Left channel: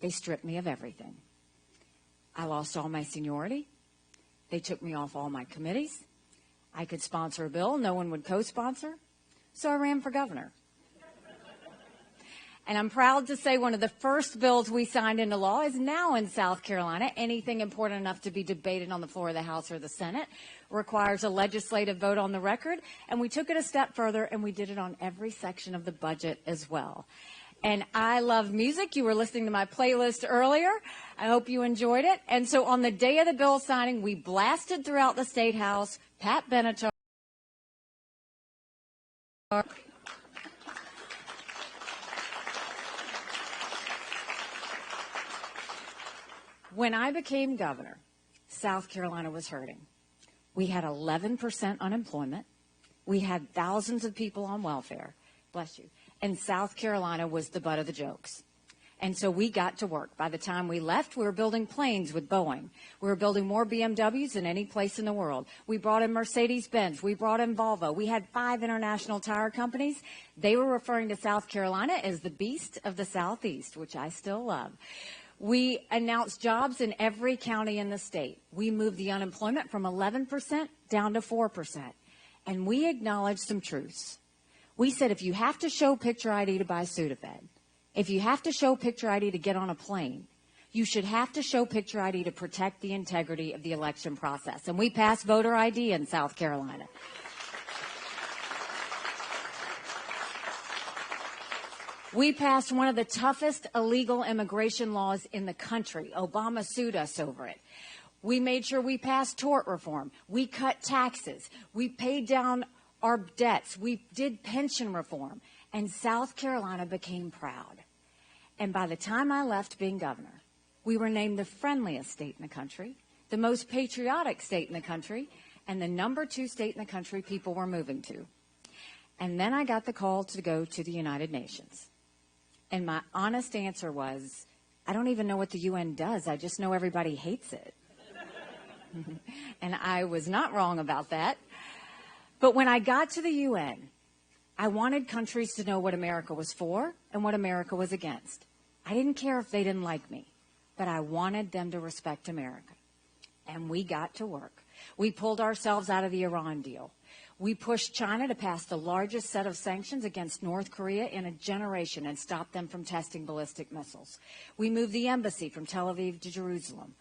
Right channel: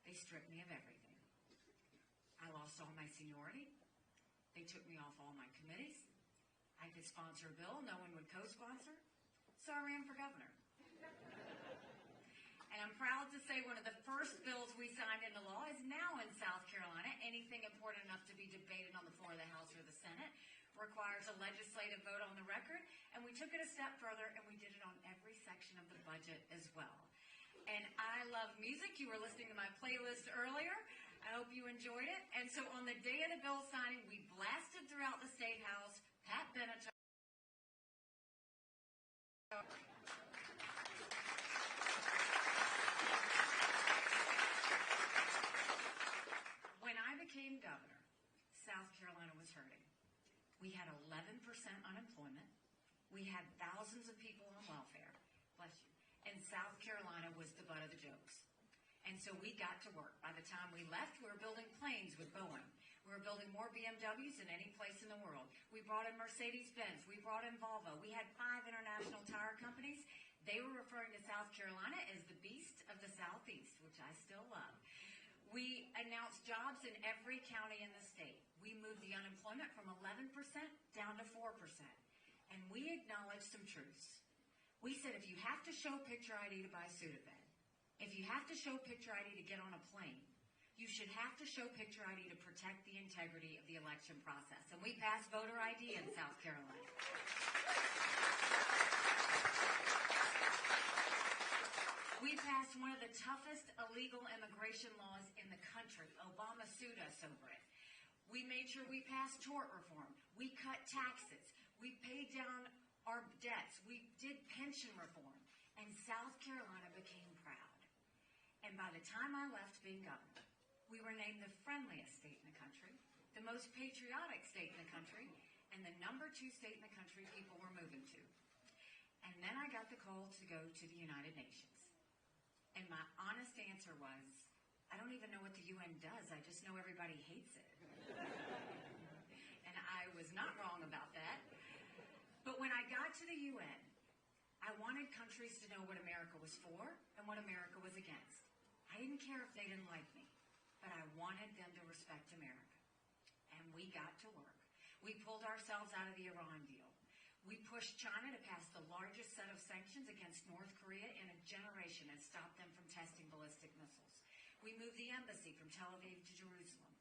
They stripped me of everything. I lost all my seniority. They took me off all my committees. I could sponsor a bill no one would co-sponsor. So I ran for governor. And I'm proud to say one of the first bills we signed into law is now in South Carolina. Anything important enough to be debated on the floor of the House or the Senate requires a legislative vote on the record. And we took it a step further, and we did it on every section of the budget as well. And I love music. You were listening to my playlist earlier. I hope you enjoyed it. And so on the day of the bill signing, we blasted throughout the State House Pat Benatar. When I became governor, South Carolina was hurting. We had 11% unemployment. We had thousands of people on welfare. Bless you. And South Carolina was the butt of the jokes. And so we got to work. By the time we left, we were building planes with Boeing. We were building more BMWs than any place in the world. We brought in Mercedes-Benz. We brought in Volvo. We had 5 international tire companies. They were referring to South Carolina as the beast of the Southeast, which I still love. We announced jobs in every county in the state. We moved the unemployment from 11% down to 4%. And we acknowledged some truths. We said if you have to show picture ID to buy Sudafed, if you have to show picture ID to get on a plane, you should have to show picture ID to protect the integrity of the election process. And we passed voter ID in South Carolina. We passed one of the toughest illegal immigration laws in the country. Obama sued us over it. We made sure we passed tort reform. We cut taxes. We paid down our debts. We did pension reform. And South Carolina became proud. And by the time I left being governor, we were named the friendliest state in the country, the most patriotic state in the country, and the #2 state in the country people were moving to. And then I got the call to go to the United Nations. And my honest answer was, I don't even know what the UN does. I just know everybody hates it. And I was not wrong about that. But when I got to the UN, I wanted countries to know what America was for and what America was against. I didn't care if they didn't like me, but I wanted them to respect America. And we got to work. We pulled ourselves out of the Iran deal. We pushed China to pass the largest set of sanctions against North Korea in a generation and stop them from testing ballistic missiles. We moved the embassy from Tel Aviv to Jerusalem.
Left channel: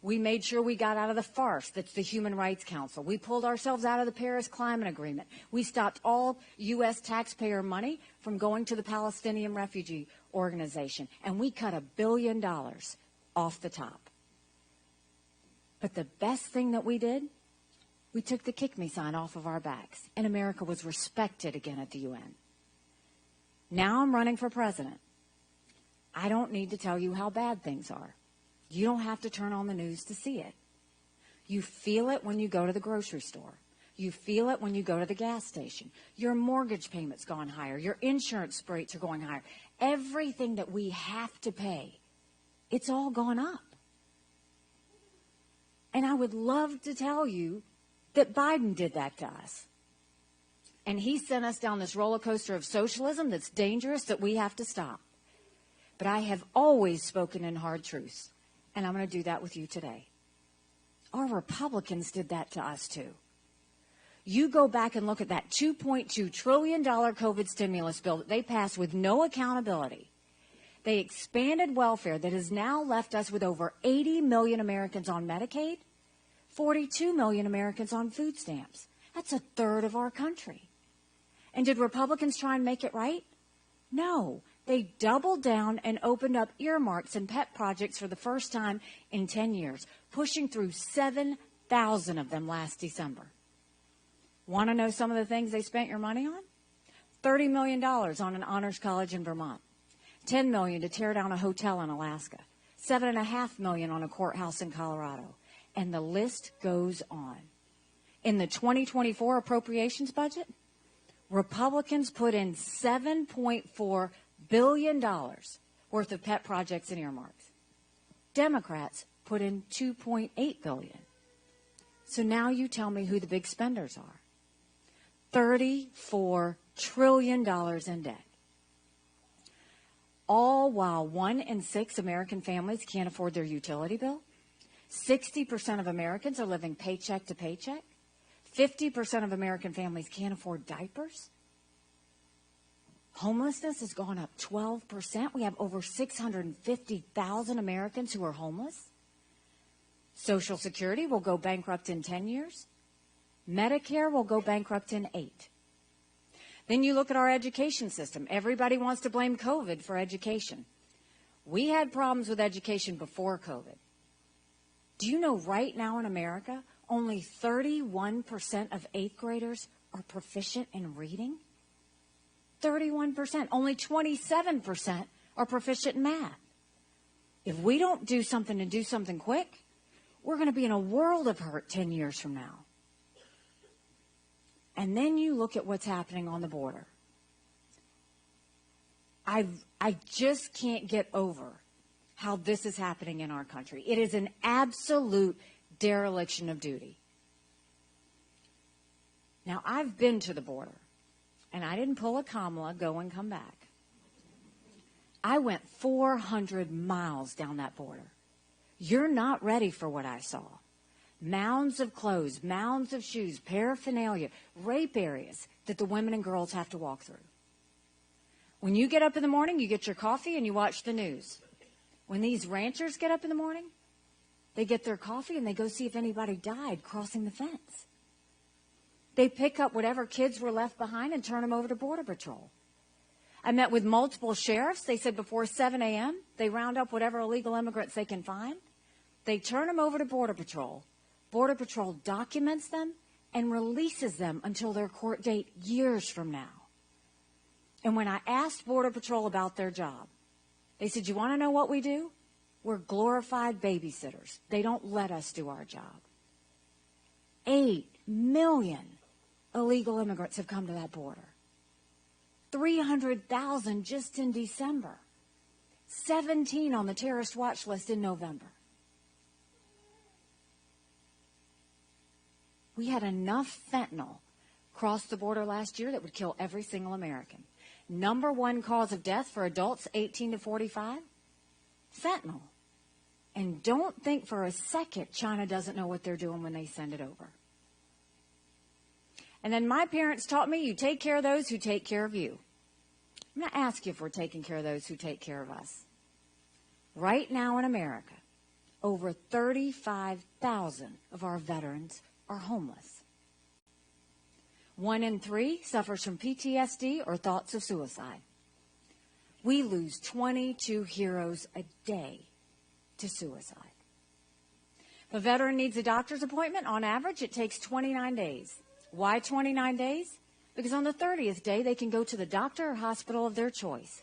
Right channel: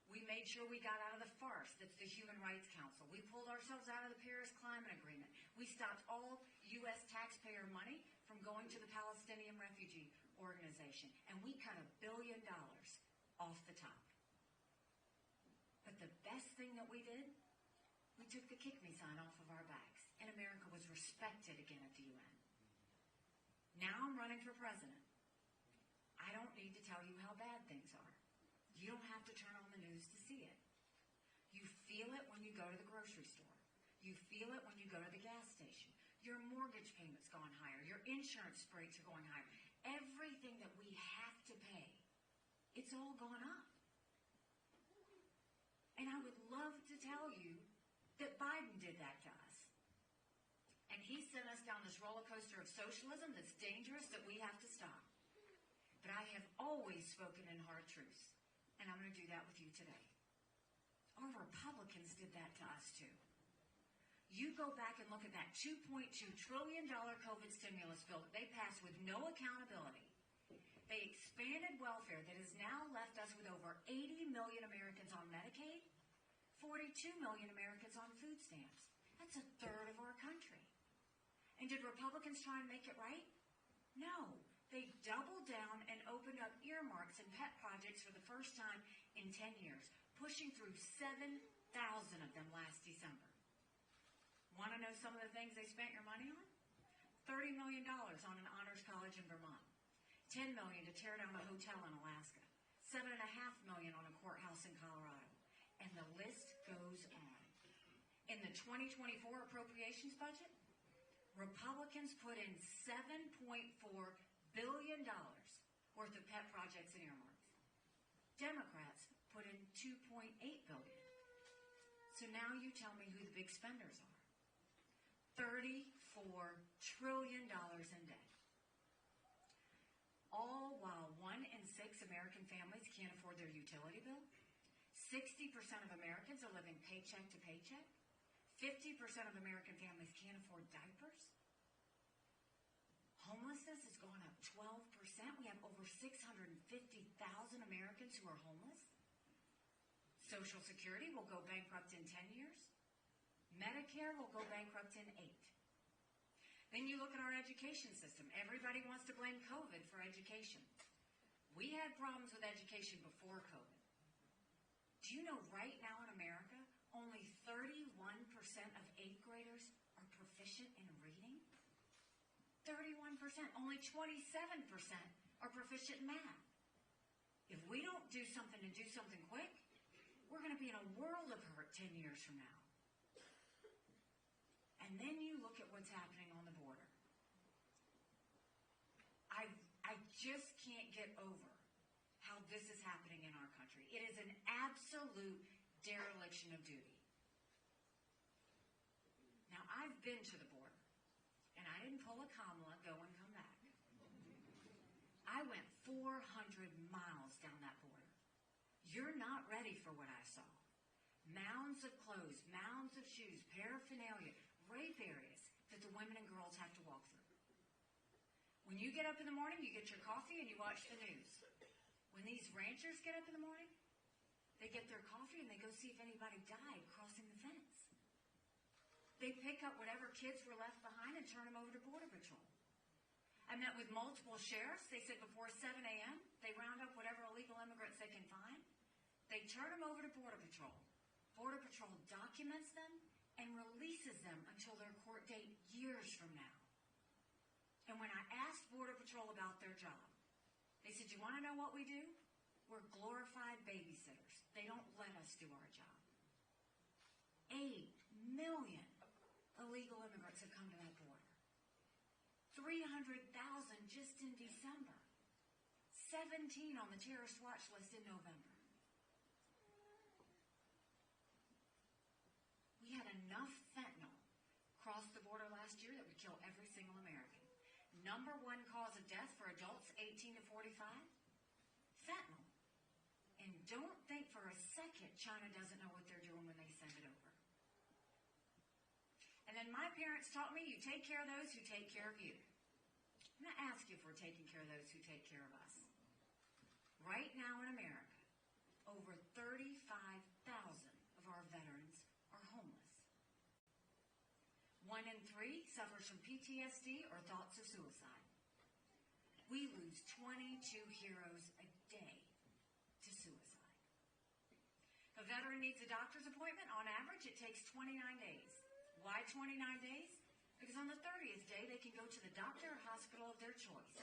We made sure we got out of the farce that's the Human Rights Council. We pulled ourselves out of the Paris Climate Agreement. We stopped all U.S. taxpayer money from going to the Palestinian Refugee Organization. And we cut $1 billion off the top. But the best thing that we did, we took the kick me sign off of our backs, and America was respected again at the UN. Now I'm running for president. I don't need to tell you how bad things are. You don't have to turn on the news to see it. You feel it when you go to the grocery store. You feel it when you go to the gas station. Your mortgage payment's gone higher. Your insurance rates are going higher. Everything that we have to pay, it's all gone up. And I would love to tell you that Biden did that to us. And he sent us down this roller coaster of socialism that's dangerous, that we have to stop. But I have always spoken in hard truths, and I'm going to do that with you today. Our Republicans did that to us too. You go back and look at that $2.2 trillion COVID stimulus bill that they passed with no accountability. They expanded welfare that has now left us with over 80 million Americans on Medicaid, 42 million Americans on food stamps. That's a third of our country. And did Republicans try and make it right? No. They doubled down and opened up earmarks and pet projects for the first time in 10 years, pushing through 7,000 of them last December. Want to know some of the things they spent your money on? $30 million on an honors college in Vermont, $10 million to tear down a hotel in Alaska, $7.5 million on a courthouse in Colorado. And the list goes on. In the 2024 appropriations budget, Republicans put in $7.4 billion worth of pet projects and earmarks. Democrats put in $2.8 billion. So now you tell me who the big spenders are. $34 trillion in debt. all while 1 in 6 American families can't afford their utility bill. 60% of Americans are living paycheck to paycheck. 50% of American families can't afford diapers. Homelessness has gone up 12%. We have over 650,000 Americans who are homeless. Social Security will go bankrupt in 10 years. Medicare will go bankrupt in 8. Then you look at our education system. Everybody wants to blame COVID for education. We had problems with education before COVID. Do you know right now in America, only 31% of 8th graders are proficient in reading? 31%. Only 27% are proficient in math. If we don't do something and do something quick, we're going to be in a world of hurt 10 years from now. And then you look at what's happening on the border. I just can't get over how this is happening in our country. It is an absolute dereliction of duty. Now, I've been to the border, and I didn't pull a Kamala, go and come back. I went 400 miles down that border. You're not ready for what I saw. Mounds of clothes, mounds of shoes, paraphernalia, rape areas that the women and girls have to walk through. When you get up in the morning, you get your coffee and you watch the news. When these ranchers get up in the morning, they get their coffee and they go see if anybody died crossing the fence. They pick up whatever kids were left behind and turn them over to Border Patrol. I met with multiple sheriffs. They said before 7 a.m., they round up whatever illegal immigrants they can find. They turn them over to Border Patrol. Border Patrol documents them and releases them until their court date years from now. And when I asked Border Patrol about their job, they said, you want to know what we do? We're glorified babysitters. They don't let us do our job. 8 million illegal immigrants have come to that border. 300,000 just in December. 17 on the terrorist watch list in November. We had enough fentanyl cross the border last year that would kill every single American. Number 1 cause of death for adults 18 to 45? Fentanyl. And don't think for a second China doesn't know what they're doing when they send it over. And then my parents taught me, you take care of those who take care of you. I'm going to ask you if we're taking care of those who take care of us. Right now in America, over 35,000 of our veterans are homeless. 1 in 3 suffers from PTSD or thoughts of suicide. We lose 22 heroes a day to suicide. If a veteran needs a doctor's appointment, on average, it takes 29 days. Why 29 days? Because on the 30th day, they can go to the doctor or hospital of their choice.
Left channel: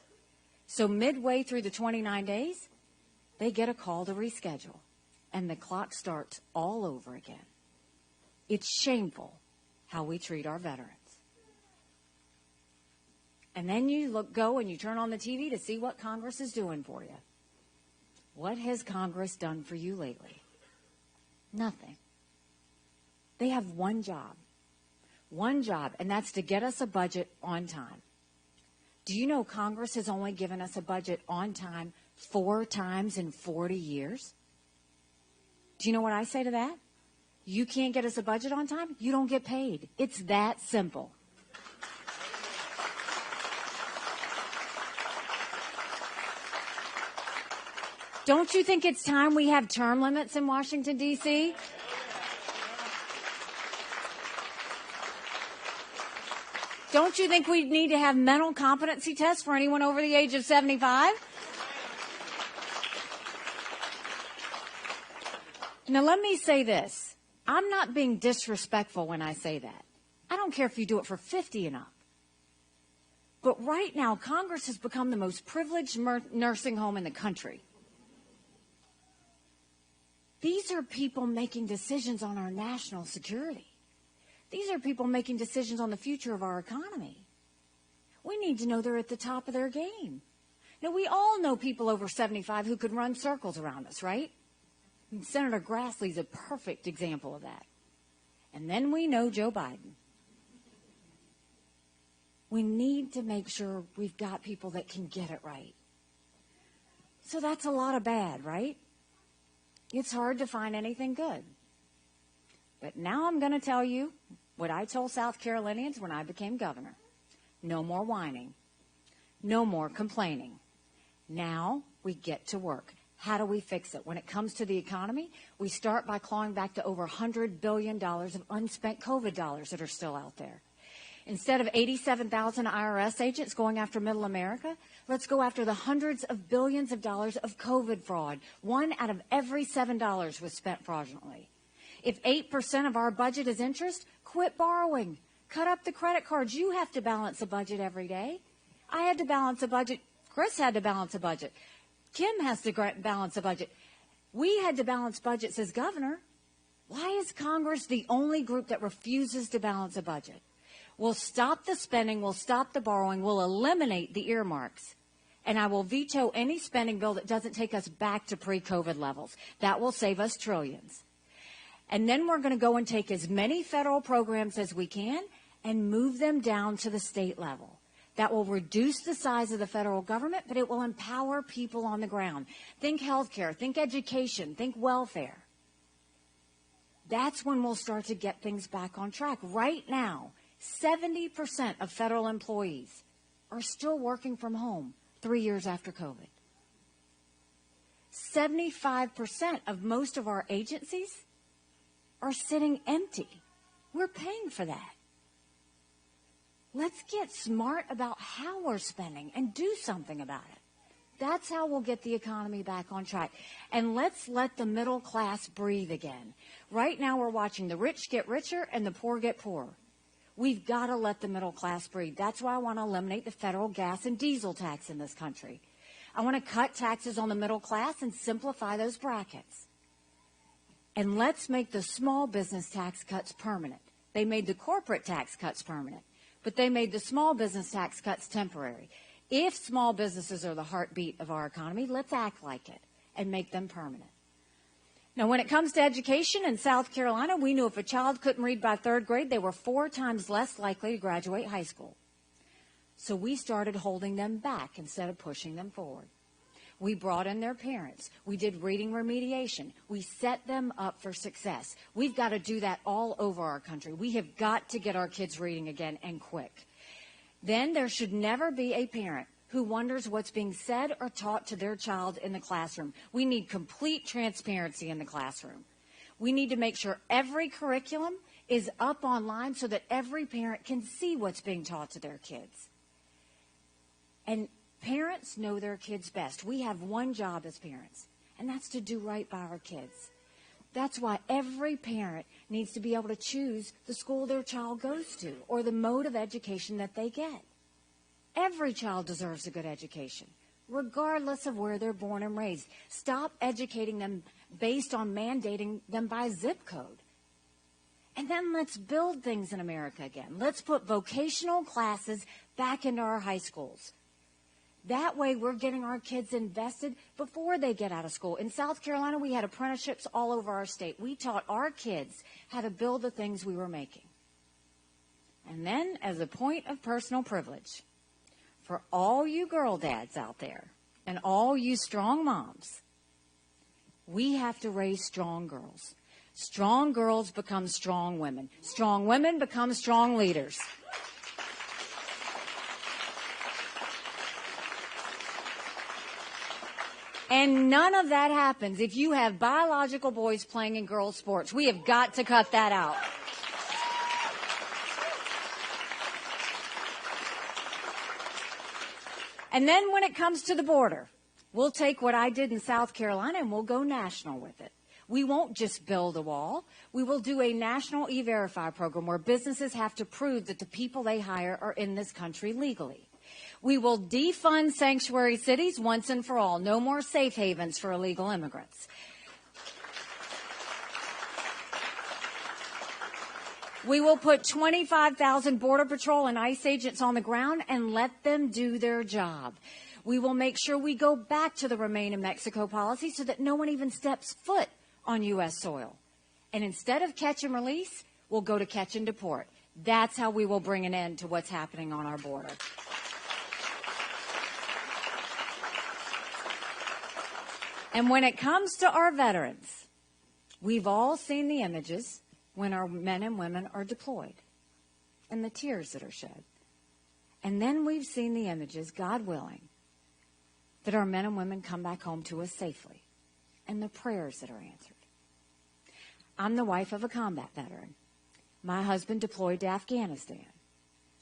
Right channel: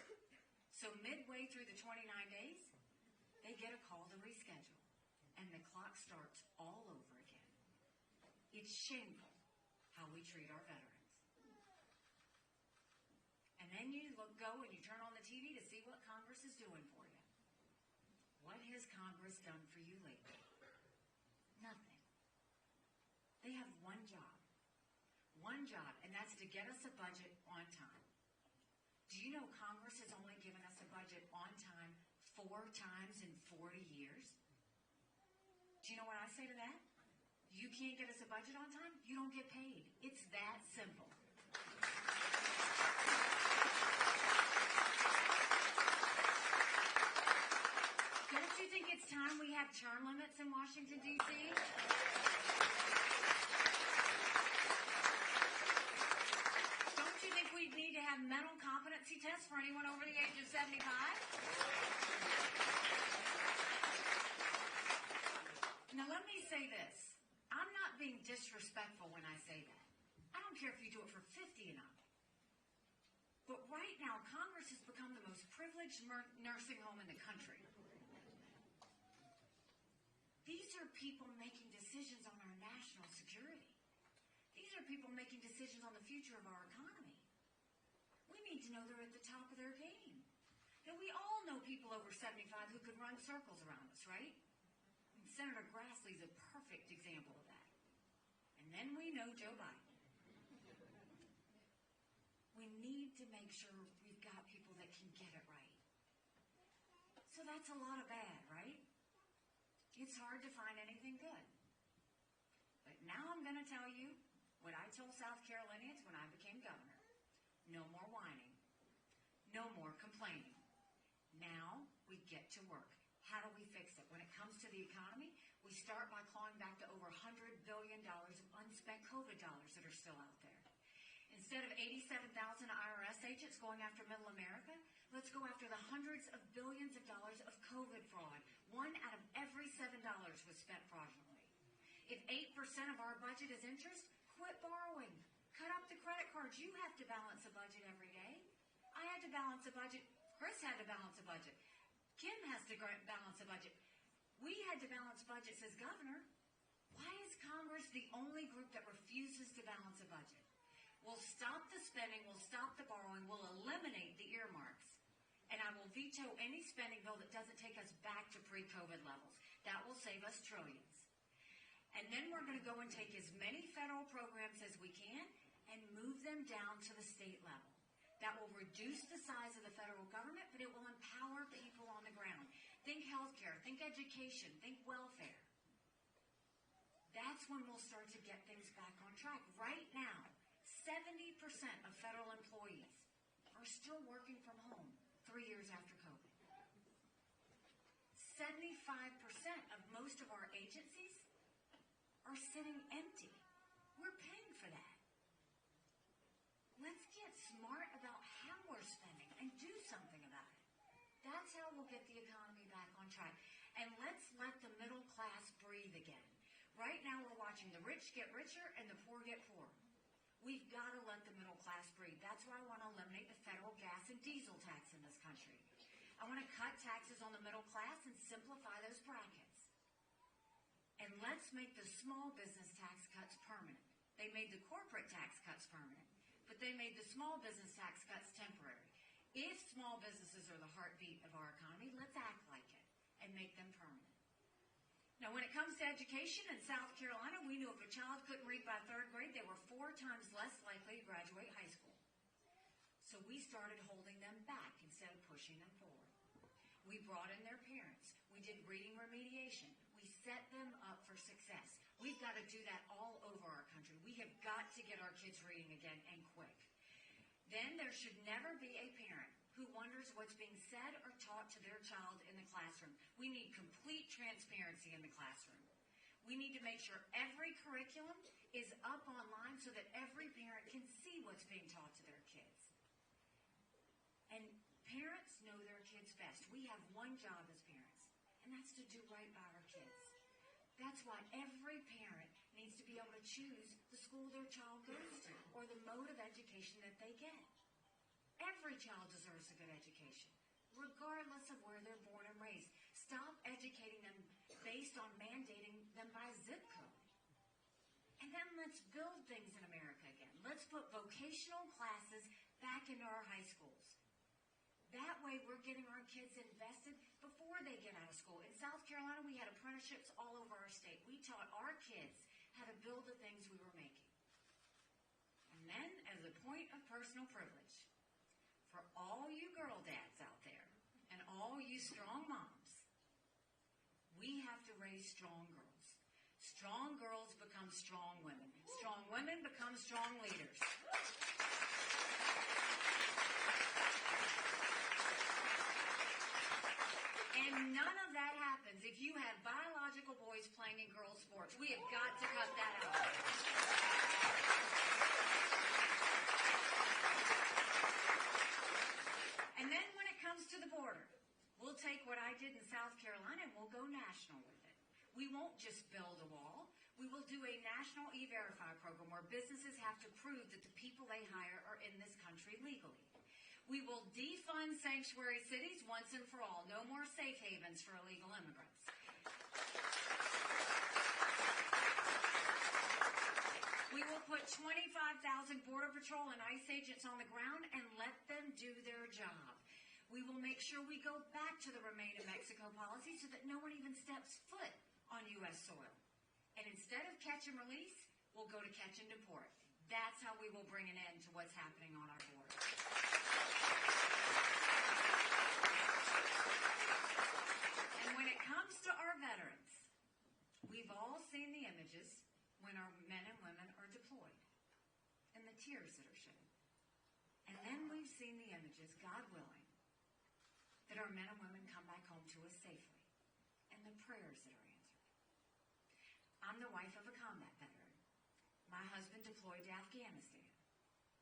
So midway through the 29 days, they get a call to reschedule, and the clock starts all over again. It's shameful how we treat our veterans. And then you go and you turn on the TV to see what Congress is doing for you. What has Congress done for you lately? Nothing. They have one job, and that's to get us a budget on time. Do you know Congress has only given us a budget on time 4 times in 40 years? Do you know what I say to that? You can't get us a budget on time, you don't get paid. It's that simple. Don't you think it's time we have term limits in Washington, D.C.? Don't you think we need to have mental competency tests for anyone over the age of 75? Now, let me say this. I'm not being disrespectful when I say that. I don't care if you do it for 50 and up. But right now, Congress has become the most privileged nursing home in the country. These are people making decisions on our national security. These are people making decisions on the future of our economy. We need to know they're at the top of their game. Now, we all know people over 75 who could run circles around us, right? And Senator Grassley's a perfect example of that. And then we know Joe Biden. We need to make sure we've got people that can get it right. So that's a lot of bad, right? It's hard to find anything good. But now I'm going to tell you what I told South Carolinians when I became governor. No more whining. No more complaining. Now we get to work. How do we fix it? When it comes to the economy, we start by clawing back to over $100 billion of unspent COVID dollars that are still out there. Instead of 87,000 IRS agents going after middle America, let's go after the hundreds of billions of dollars of COVID fraud. 1 out of every $7 was spent fraudulently. If 8% of our budget is interest, quit borrowing. Cut up the credit cards. You have to balance a budget every day. I had to balance a budget. Chris had to balance a budget. Kim has to balance a budget. We had to balance budgets as governor. Why is Congress the only group that refuses to balance a budget? We'll stop the spending. We'll stop the borrowing. We'll eliminate the earmarks. And I will veto any spending bill that doesn't take us back to pre-COVID levels. That will save us trillions. And then we're going to go and take as many federal programs as we can and move them down to the state level. That will reduce the size of the federal government, but it will empower people on the ground. Think healthcare, think education, think welfare. That's when we'll start to get things back on track. Right now, 70% of federal employees are still working from home 3 years after COVID. 75% of most of our agencies are sitting empty. We're paying for that. Let's get smart about how we're spending and do something about it. That's how we'll get the economy back on track. And let's let the middle class breathe again. Right now we're watching the rich get richer and the poor get poorer. We've got to let the middle class breathe. That's why I want to eliminate the federal gas and diesel tax in this country. I want to cut taxes on the middle class and simplify those brackets. And let's make the small business tax cuts permanent. They made the corporate tax cuts permanent, but they made the small business tax cuts temporary. If small businesses are the heartbeat of our economy, let's act like it and make them permanent. Now, when it comes to education in South Carolina, we knew if a child couldn't read by 3rd grade, they were 4 times less likely to graduate high school. So we started holding them back instead of pushing them forward. We brought in their parents. We did reading remediation. We set them up for success. We've got to do that all over our country. We have got to get our kids reading again, and quick. Then there should never be a parent who wonders what's being said or taught to their child in the classroom. We need complete transparency in the classroom. We need to make sure every curriculum is up online so that every parent can see what's being taught to their kids. And parents know their kids best. We have one job as parents, and that's to do right by our kids. That's why every parent needs to be able to choose the school their child goes to or the mode of education that they get. Every child deserves a good education, regardless of where they're born and raised. Stop educating them based on mandating them by zip code. And then let's build things in America again. Let's put vocational classes back into our high schools. That way we're getting our kids invested before they get out of school. In South Carolina, we had apprenticeships all over our state. We taught our kids how to build the things we were making. And then, as a point of personal privilege, for all you girl dads out there and all you strong moms, we have to raise strong girls. Strong girls become strong women. Strong women become strong leaders. And none of that happens if you have biological boys playing in girls' sports. We have got to cut that out. And then when it comes to the border, we'll take what I did in South Carolina and we'll go national with it. We won't just build a wall. We will do a national E-Verify program where businesses have to prove that the people they hire are in this country legally. We will defund sanctuary cities once and for all. No more safe havens for illegal immigrants. We will put 25,000 Border Patrol and ICE agents on the ground and let them do their job. We will make sure we go back to the Remain in Mexico policy so that no one even steps foot on U.S. soil. And instead of catch and release, we'll go to catch and deport. That's how we will bring an end to what's happening on our border. And when it comes to our veterans, we've all seen the images when our men and women are deployed and the tears that are shed. And then we've seen the images, God willing, that our men and women come back home to us safely and the prayers that are answered. I'm the wife of a combat veteran. My husband deployed to Afghanistan.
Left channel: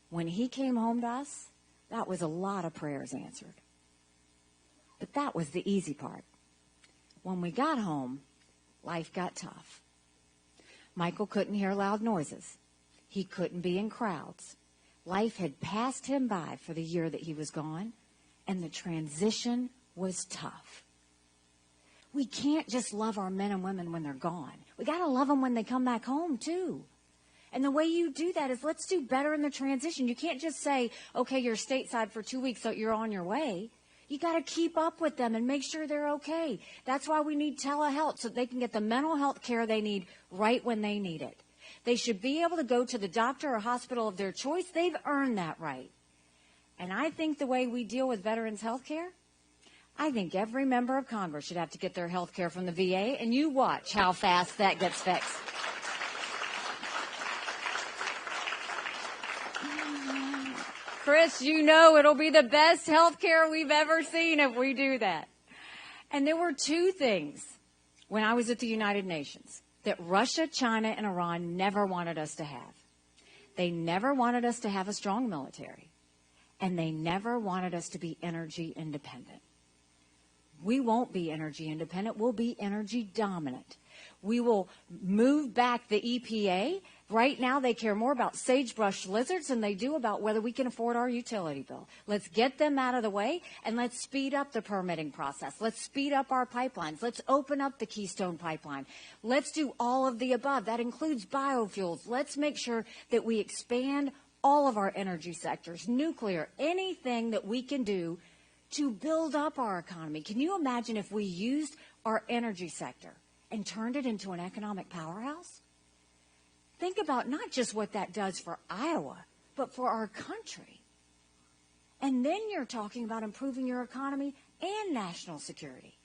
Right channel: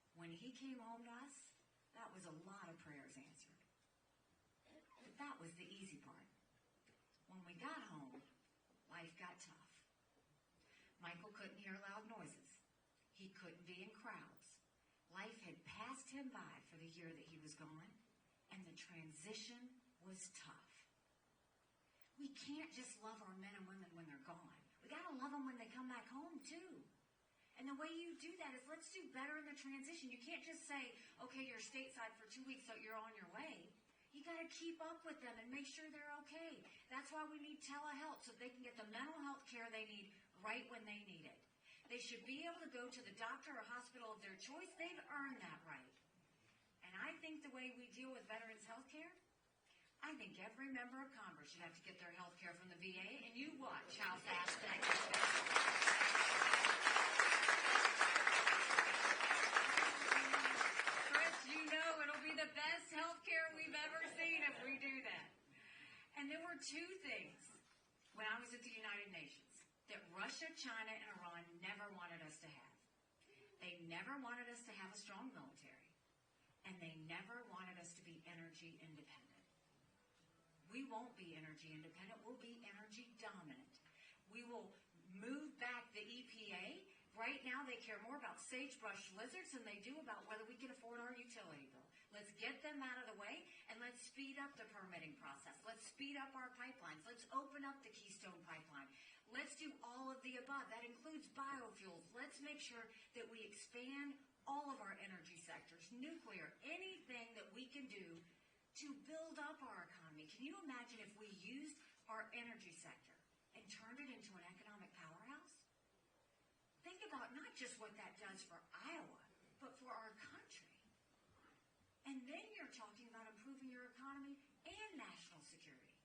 When he came home to us, that was a lot of prayers answered. But that was the easy part. When we got home, life got tough. Michael couldn't hear loud noises. He couldn't be in crowds. Life had passed him by for the year that he was gone, and the transition was tough. We can't just love our men and women when they're gone. We got to love them when they come back home, too. And the way you do that is let's do better in the transition. You can't just say, okay, you're stateside for 2 weeks, so you're on your way. You got to keep up with them and make sure they're okay. That's why we need telehealth, so they can get the mental health care they need right when they need it. They should be able to go to the doctor or hospital of their choice. They've earned that right. And I think the way we deal with veterans' health care, I think every member of Congress should have to get their health care from the VA, and you watch how fast that gets fixed. Chris, you know it'll be the best health care we've ever seen if we do that. And there were two things when I was at the United Nations that Russia, China, and Iran never wanted us to have. They never wanted us to have a strong military, and they never wanted us to be energy independent. We won't be energy independent. We'll be energy dominant. We will move back the EPA. Right now, they care more about sagebrush lizards than they do about whether we can afford our utility bill. Let's get them out of the way, and let's speed up the permitting process. Let's speed up our pipelines. Let's open up the Keystone Pipeline. Let's do all of the above. That includes biofuels. Let's make sure that we expand all of our energy sectors, nuclear, anything that we can do to build up our economy. Can you imagine if we used our energy sector and turned it into an economic powerhouse? Think about not just what that does for Iowa, but for our country. And then you're talking about improving your economy and national security.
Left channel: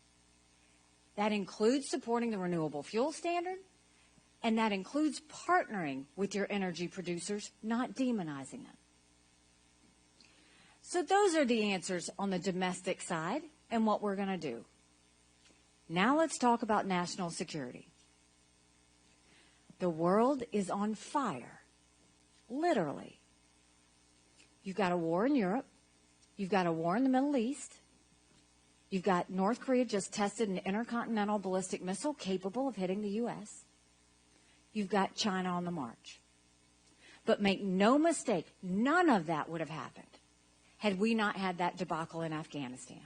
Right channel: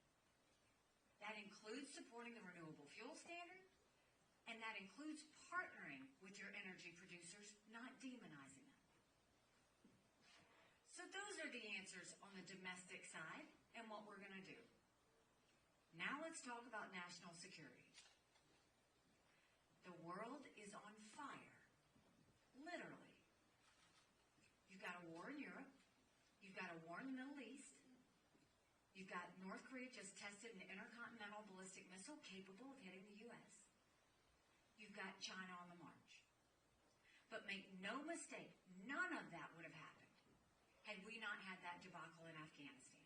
That includes supporting the renewable fuel standard, and that includes partnering with your energy producers, not demonizing them. So those are the answers on the domestic side and what we're going to do. Now let's talk about national security. The world is on fire, literally. You've got a war in Europe. You've got a war in the Middle East. You've got North Korea just tested an intercontinental ballistic missile capable of hitting the U.S. You've got China on the march. But make no mistake, none of that would have happened had we not had that debacle in Afghanistan.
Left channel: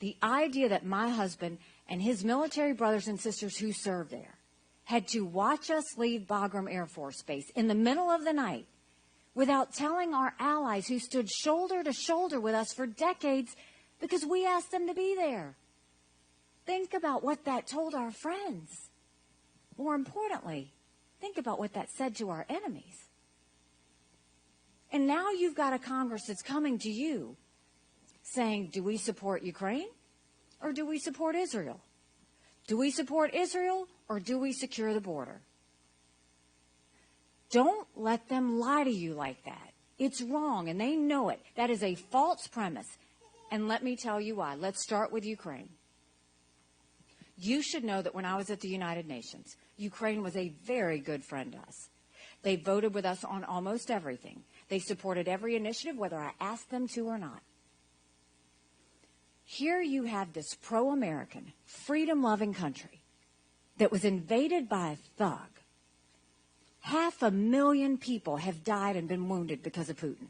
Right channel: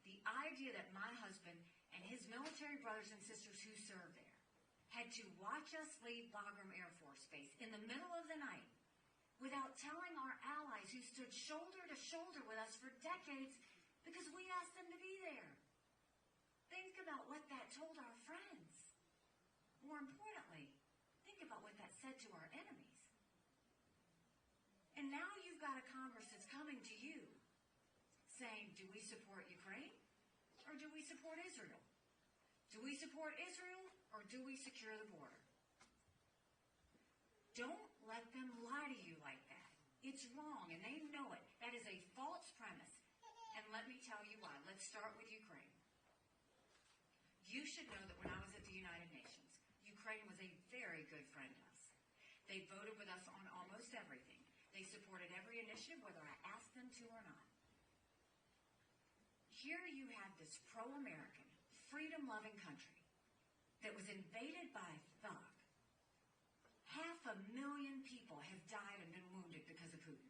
The idea that my husband and his military brothers and sisters who served there had to watch us leave Bagram Air Force Base in the middle of the night without telling our allies who stood shoulder to shoulder with us for decades because we asked them to be there. Think about what that told our friends. More importantly, think about what that said to our enemies. And now you've got a Congress that's coming to you saying, do we support Ukraine or do we support Israel? Do we support Israel or do we secure the border? Don't let them lie to you like that. It's wrong, and they know it. That is a false premise. And let me tell you why. Let's start with Ukraine. You should know that when I was at the United Nations, Ukraine was a very good friend to us. They voted with us on almost everything. They supported every initiative, whether I asked them to or not. Here you have this pro-American, freedom-loving country that was invaded by a thug. 500,000 people have died and been wounded because of Putin.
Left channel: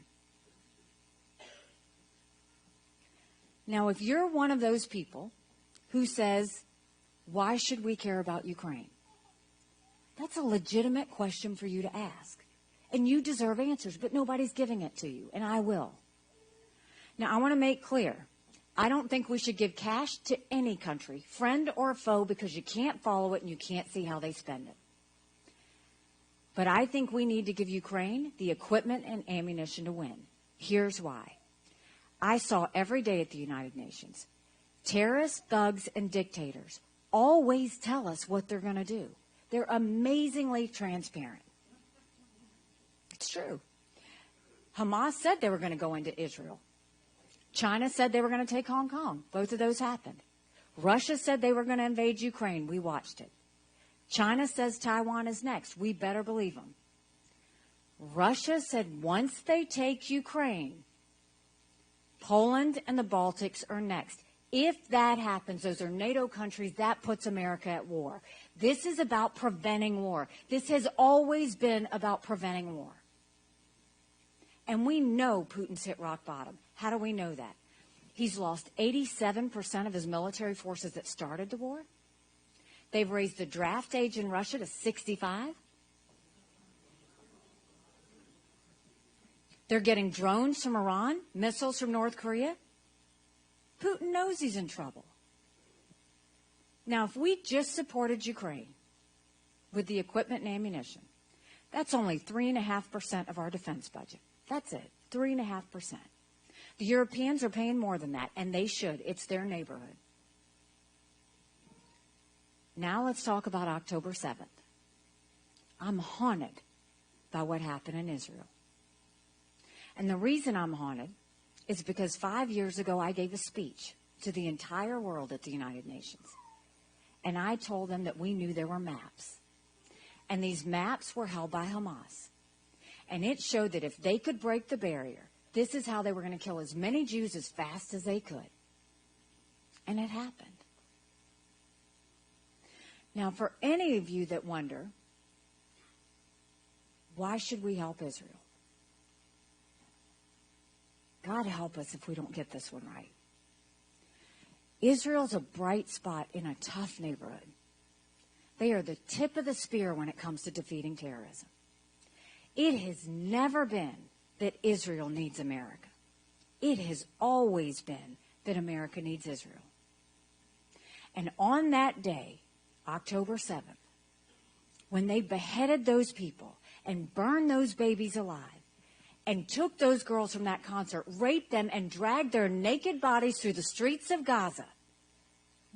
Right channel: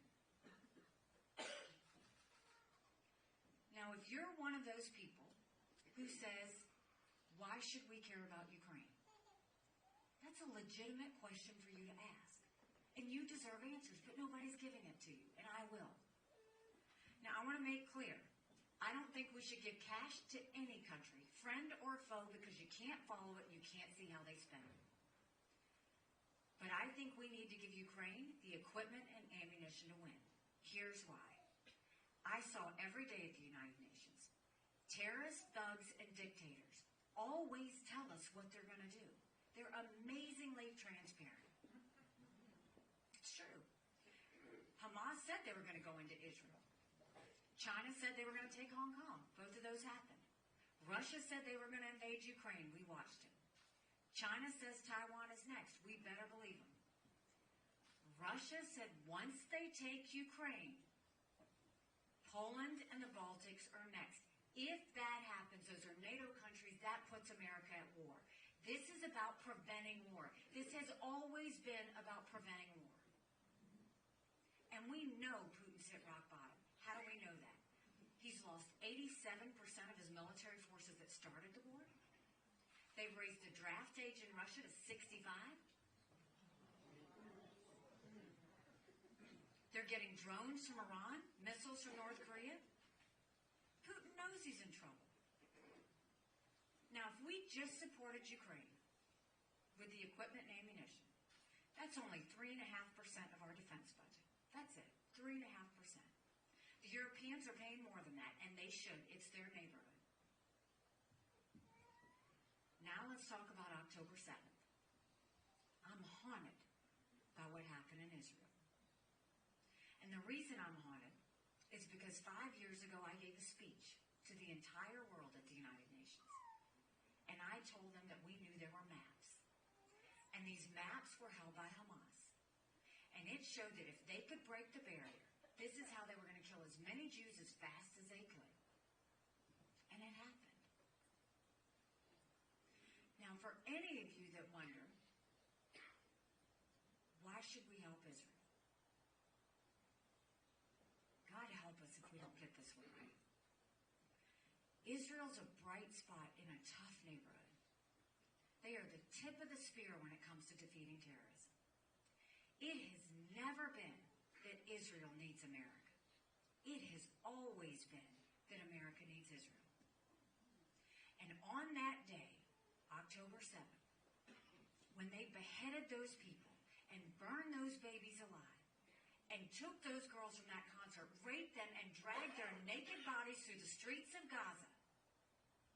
Now, if you're one of those people who says, why should we care about Ukraine? That's a legitimate question for you to ask. And you deserve answers, but nobody's giving it to you, and I will. Now, I want to make clear, I don't think we should give cash to any country, friend or foe, because you can't follow it and you can't see how they spend it. But I think we need to give Ukraine the equipment and ammunition to win. Here's why. I saw every day at the United Nations Terrorists, thugs, and dictators always tell us what they're going to do. They're amazingly transparent. It's true. Hamas said they were going to go into Israel. China said they were going to take Hong Kong. Both of those happened. Russia said they were going to invade Ukraine. We watched it. China says Taiwan is next. We better believe them. Russia said once they take Ukraine, Poland and the Baltics are next. If that happens, those are NATO countries, that puts America at war. This is about preventing war. This has always been about preventing war. And we know Putin's hit rock bottom. How do we know that? He's lost 87% of his military forces that started the war. They've raised the draft age in Russia to 65. They're getting drones from Iran, missiles from North Korea. Putin knows he's in trouble. Now, if we just supported Ukraine with the equipment and ammunition, that's only 3.5% of our defense budget. That's it, 3.5%. The Europeans are paying more than that, and they should. It's their neighborhood. Now let's talk about October 7th. I'm haunted by what happened in Israel. And the reason I'm haunted is because 5 years ago I gave a speech to the entire world at the United Nations. And I told them that we knew there were maps. And these maps were held by Hamas. And it showed that if they could break the barrier, this is how they were going to kill as many Jews as fast as they could. And it happened. Now, for any of you that wonder, why should we help Israel? God help us if we don't get this one right. Israel's a bright spot in a tough neighborhood. They are the tip of the spear when it comes to defeating terrorism. It has never been that Israel needs America. It has always been that America needs Israel. And on that day, October 7th, when they beheaded those people and burned those babies alive and took those girls from that concert, raped them, and dragged their naked bodies through the streets of Gaza,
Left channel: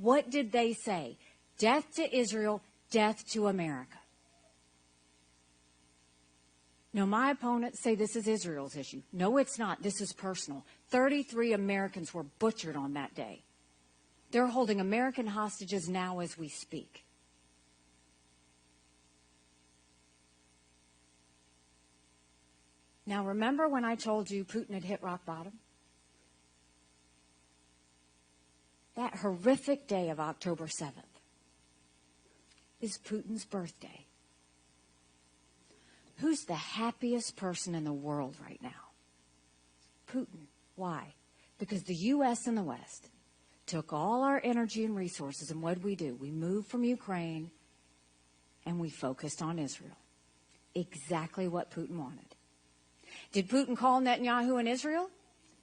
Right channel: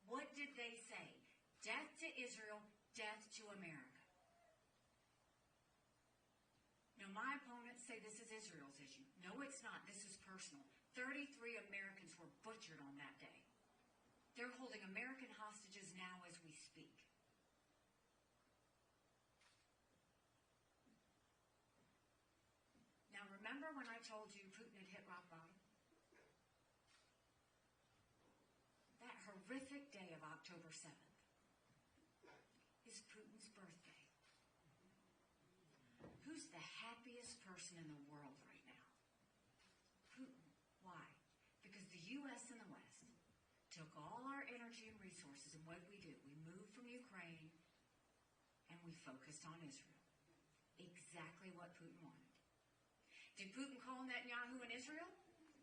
what did they say? Death to Israel, death to America. Now, my opponents say this is Israel's issue. No, it's not. This is personal. 33 Americans were butchered on that day. They're holding American hostages now as we speak. Now, remember when I told you Putin had hit rock bottom? That horrific day of October 7th is Putin's birthday. Who's the happiest person in the world right now? Putin. Why? Because the U.S. and the West took all our energy and resources, and what did we do? We moved from Ukraine, and we focused on Israel. Exactly what Putin wanted. Did Putin call Netanyahu in Israel?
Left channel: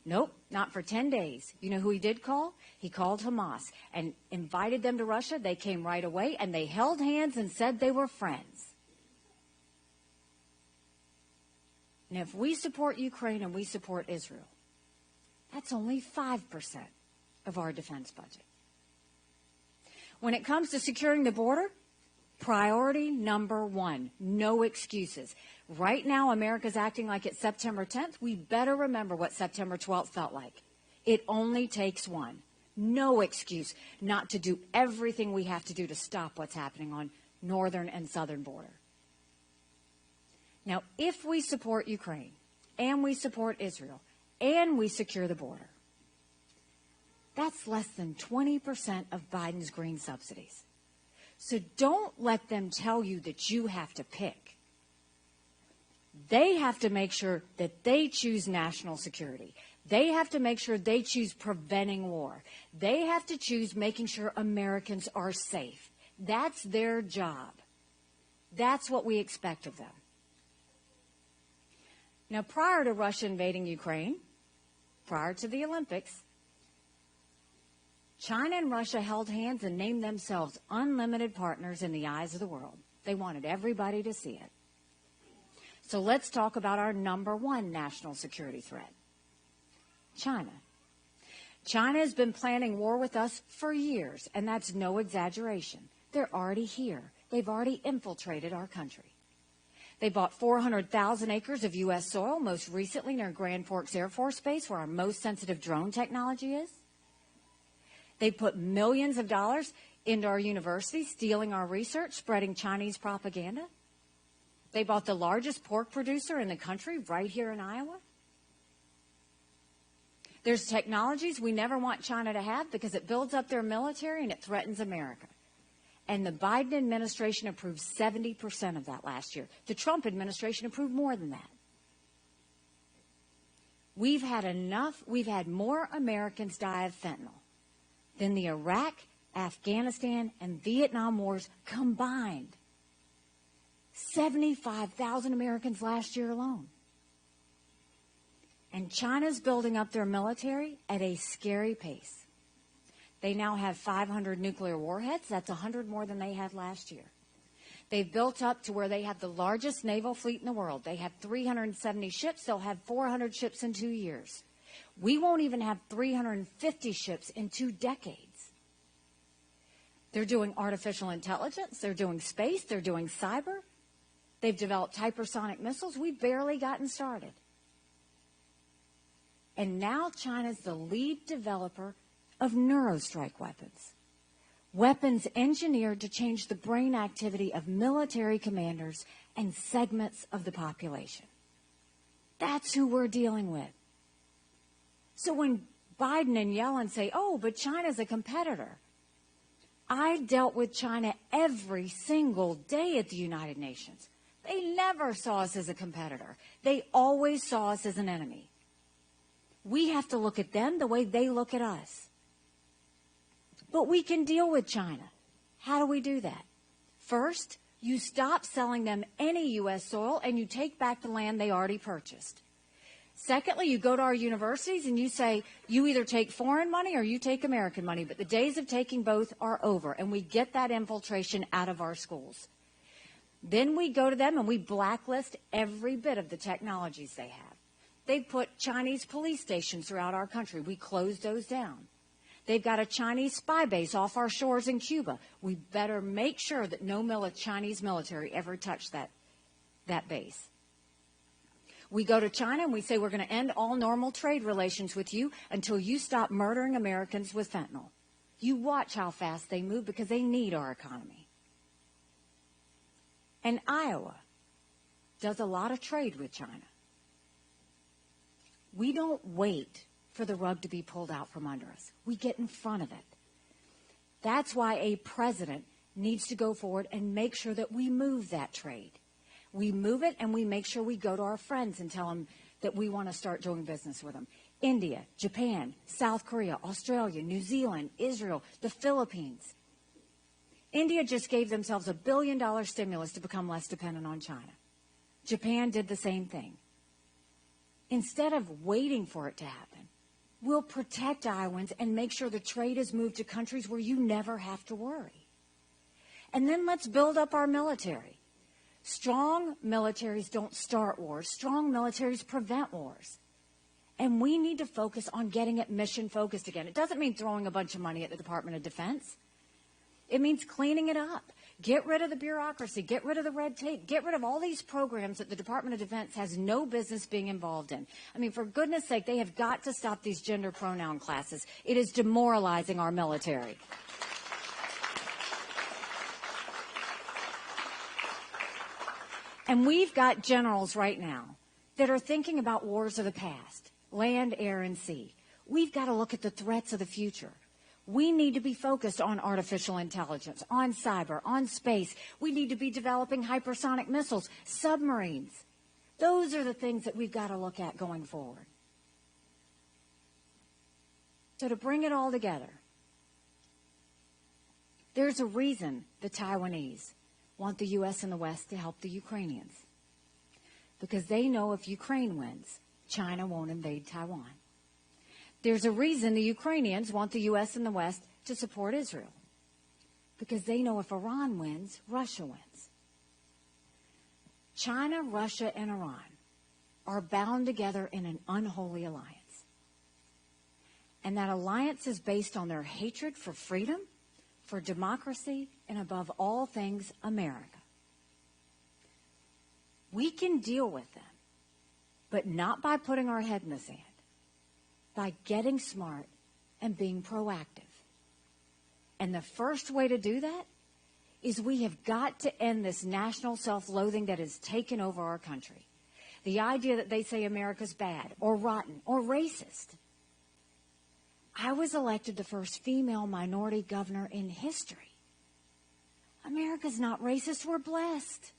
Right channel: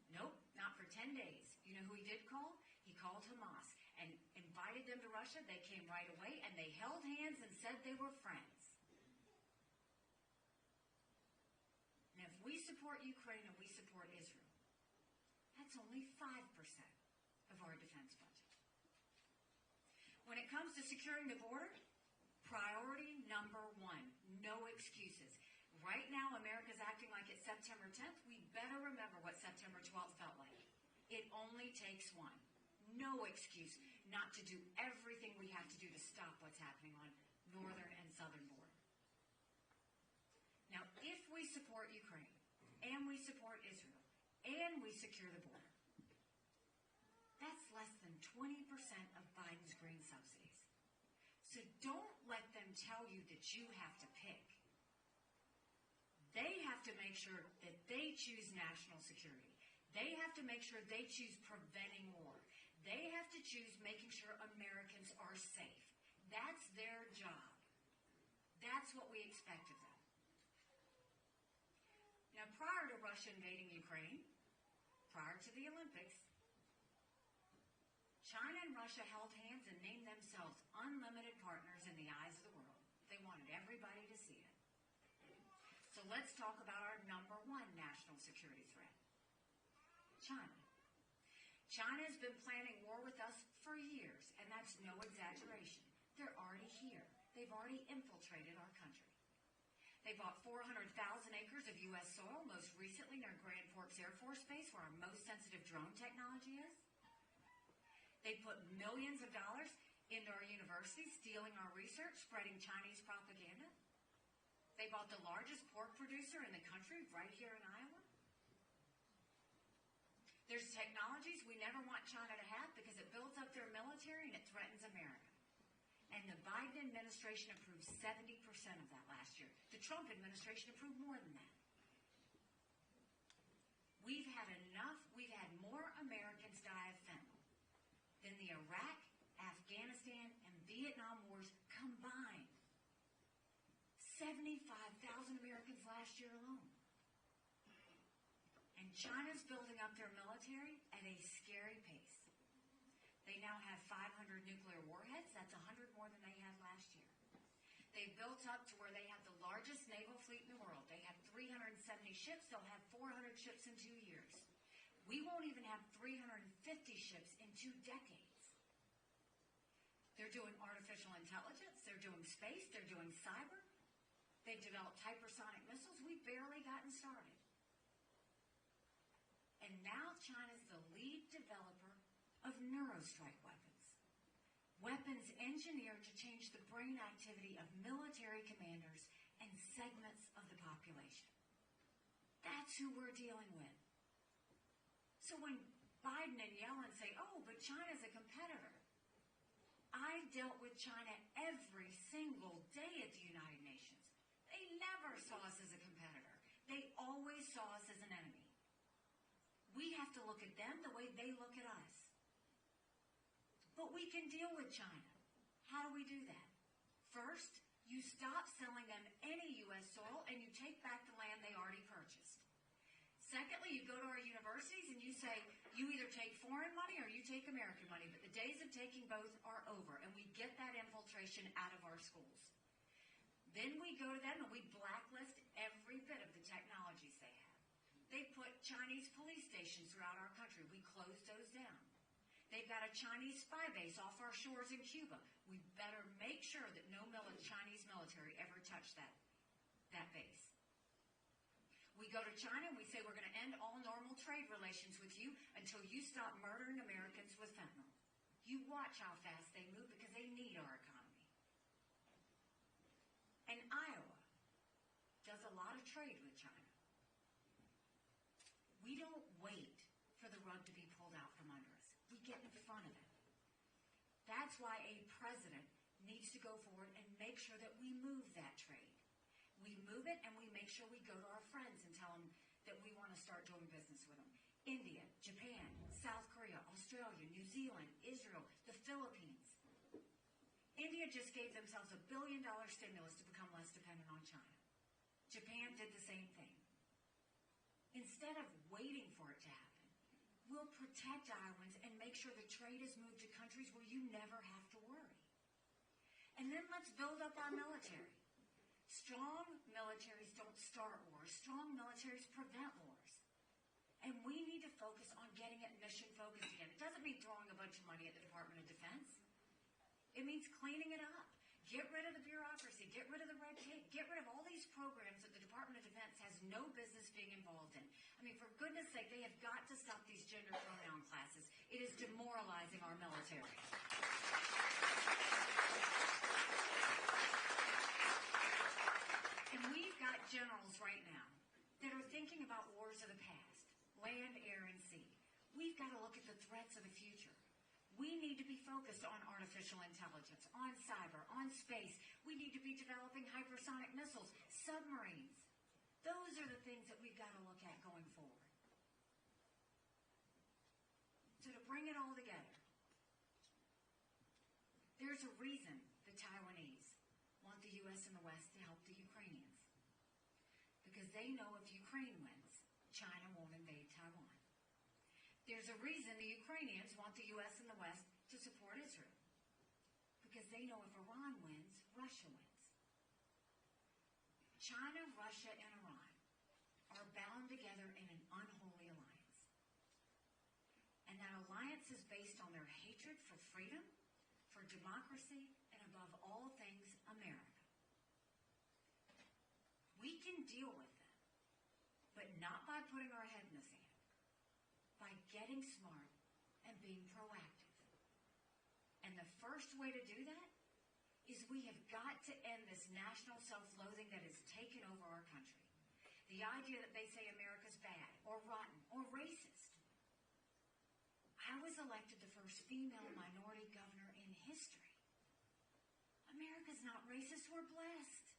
Nope, not for 10 days. You know who he did call? He called Hamas and invited them to Russia. They came right away, and they held hands and said they were friends. Now, if we support Ukraine and we support Israel, that's only 5% of our defense budget. When it comes to securing the border, priority number one, no excuses. Right now, America's acting like it's September 10th. We better remember what September 12th felt like. It only takes one. No excuse not to do everything we have to do to stop what's happening on northern and southern border. Now, if we support Ukraine, and we support Israel, and we secure the border, that's less than 20% of Biden's green subsidies. So don't let them tell you that you have to pick. They have to make sure that they choose national security. They have to make sure they choose preventing war. They have to choose making sure Americans are safe. That's their job. That's what we expect of them. Now, prior to Russia invading Ukraine, prior to the Olympics, China and Russia held hands and named themselves unlimited partners in the eyes of the world. They wanted everybody to see it. So let's talk about our number one national security threat, China. China has been planning war with us for years, and that's no exaggeration. They're already here. They've already infiltrated our country. They bought 400,000 acres of U.S. soil, most recently near Grand Forks Air Force Base, where our most sensitive drone technology is. They put millions of dollars into our universities, stealing our research, spreading Chinese propaganda. They bought the largest pork producer in the country right here in Iowa. There's technologies we never want China to have because it builds up their military and it threatens America. And the Biden administration approved 70% of that last year. The Trump administration approved more than that. We've had more Americans die of fentanyl than the Iraq, Afghanistan, and Vietnam wars combined. 75,000 Americans last year alone. And China's building up their military at a scary pace. They now have 500 nuclear warheads. That's 100 more than they had last year. They've built up to where they have the largest naval fleet in the world. They have 370 ships. They'll have 400 ships in 2 years. We won't even have 350 ships in 2 decades. They're doing artificial intelligence. They're doing space. They're doing cyber. They've developed hypersonic missiles. We've barely gotten started. And now China's the lead developer of neurostrike weapons. Weapons engineered to change the brain activity of military commanders and segments of the population. That's who we're dealing with. So when Biden and Yellen say, oh, but China's a competitor, I dealt with China every single day at the United Nations. They never saw us as a competitor. They always saw us as an enemy. We have to look at them the way they look at us. But we can deal with China. How do we do that? First, you stop selling them any U.S. soil and you take back the land they already purchased. Secondly, you go to our universities and you say, you either take foreign money or you take American money, but the days of taking both are over, and we get that infiltration out of our schools. Then we go to them and we blacklist every bit of the technologies they have. They've put Chinese police stations throughout our country. We closed those down. They've got a Chinese spy base off our shores in Cuba. We better make sure that no Chinese military ever touch that base. We go to China and we say we're going to end all normal trade relations with you until you stop murdering Americans with fentanyl. You watch how fast they move because they need our economy. And Iowa does a lot of trade with China. We don't wait for the rug to be pulled out from under us. We get in front of it. That's why a president needs to go forward and make sure that we move that trade. We move it and we make sure we go to our friends and tell them that we want to start doing business with them. India, Japan, South Korea, Australia, New Zealand, Israel, the Philippines. India just gave themselves $1 billion stimulus to become less dependent on China. Japan did the same thing. Instead of waiting for it to happen, we'll protect Iowans and make sure the trade is moved to countries where you never have to worry. And then let's build up our military. Strong militaries don't start wars. Strong militaries prevent wars. And we need to focus on getting it mission-focused again. It doesn't mean throwing a bunch of money at the Department of Defense. It means cleaning it up. Get rid of the bureaucracy. Get rid of the red tape. Get rid of all these programs that the Department of Defense has no business being involved in. I mean, for goodness sake, they have got to stop these gender pronoun classes. It is demoralizing our military. And we've got generals right now that are thinking about wars of the past, land, air, and sea. We've got to look at the threats of the future. We need to be focused on artificial intelligence, on cyber, on space. We need to be developing hypersonic missiles, submarines. Those are the things that we've got to look at going forward. So to bring it all together, there's a reason the Taiwanese want the U.S. and the West to help the Ukrainians. Because they know if Ukraine wins, China won't invade Taiwan. There's a reason the Ukrainians want the U.S. and the West to support Israel. Because they know if Iran wins, Russia wins. China, Russia, and Iran are bound together in an unholy alliance. And that alliance is based on their hatred for freedom, for democracy, and above all things, America. We can deal with them, but not by putting our head in the sand, by getting smart and being proactive. And the first way to do that is we have got to end this national self-loathing that has taken over our country. The idea that they say America's bad or rotten or racist. I was elected the first female minority governor in history. America's not racist. We're blessed.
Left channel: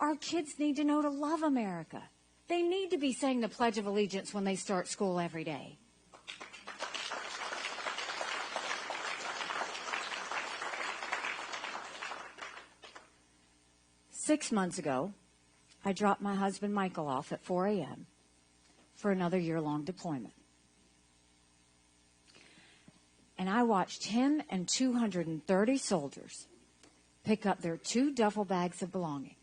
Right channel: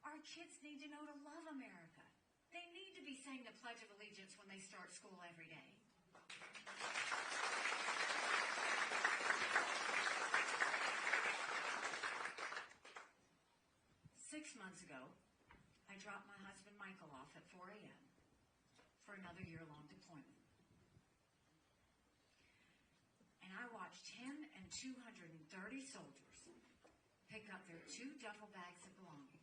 Our kids need to know to love America. They need to be saying the Pledge of Allegiance when they start school every day. Six months ago, I dropped my husband Michael off at 4 a.m. for another year-long deployment. And I watched him and 230 soldiers pick up their 2 duffel bags of belongings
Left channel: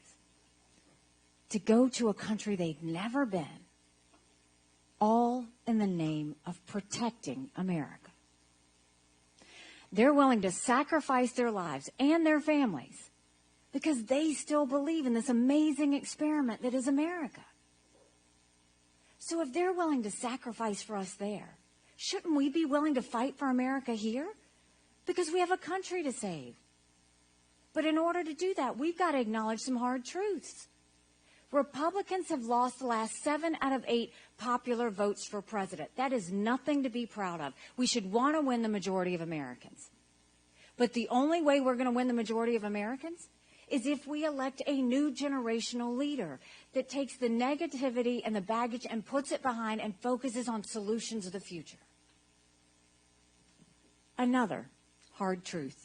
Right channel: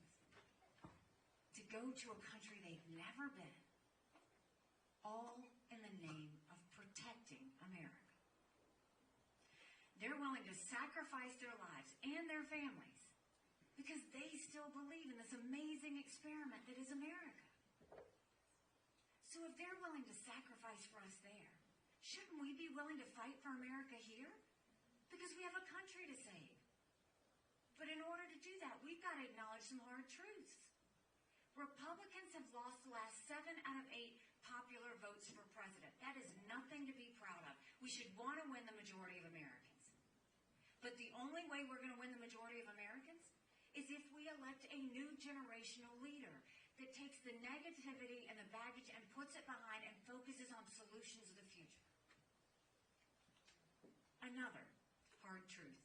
to go to a country they'd never been, all in the name of protecting America. They're willing to sacrifice their lives and their families because they still believe in this amazing experiment that is America. So if they're willing to sacrifice for us there, shouldn't we be willing to fight for America here? Because we have a country to save. But in order to do that, we've got to acknowledge some hard truths. Republicans have lost the last 7 out of 8 popular votes for president. That is nothing to be proud of. We should want to win the majority of Americans. But the only way we're going to win the majority of Americans is if we elect a new generational leader that takes the negativity and the baggage and puts it behind and focuses on solutions of the future. Another hard truth.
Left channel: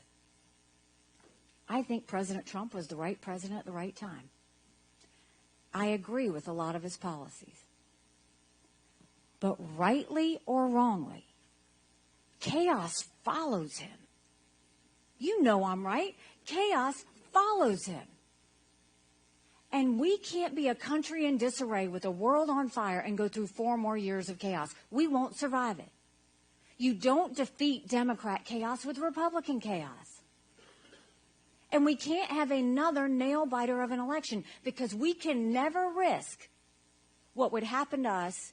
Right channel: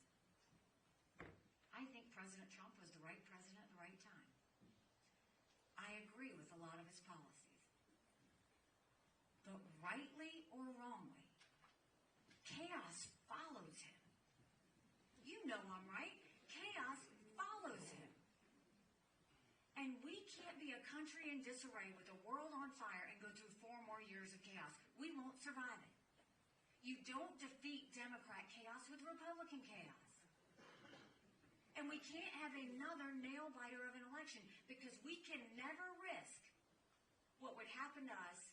I think President Trump was the right president at the right time. I agree with a lot of his policies. But rightly or wrongly, chaos follows him. You know I'm right. Chaos follows him. And we can't be a country in disarray with a world on fire and go through 4 more years of chaos. We won't survive it. You don't defeat Democrat chaos with Republican chaos. And we can't have another nail-biter of an election because we can never risk what would happen to us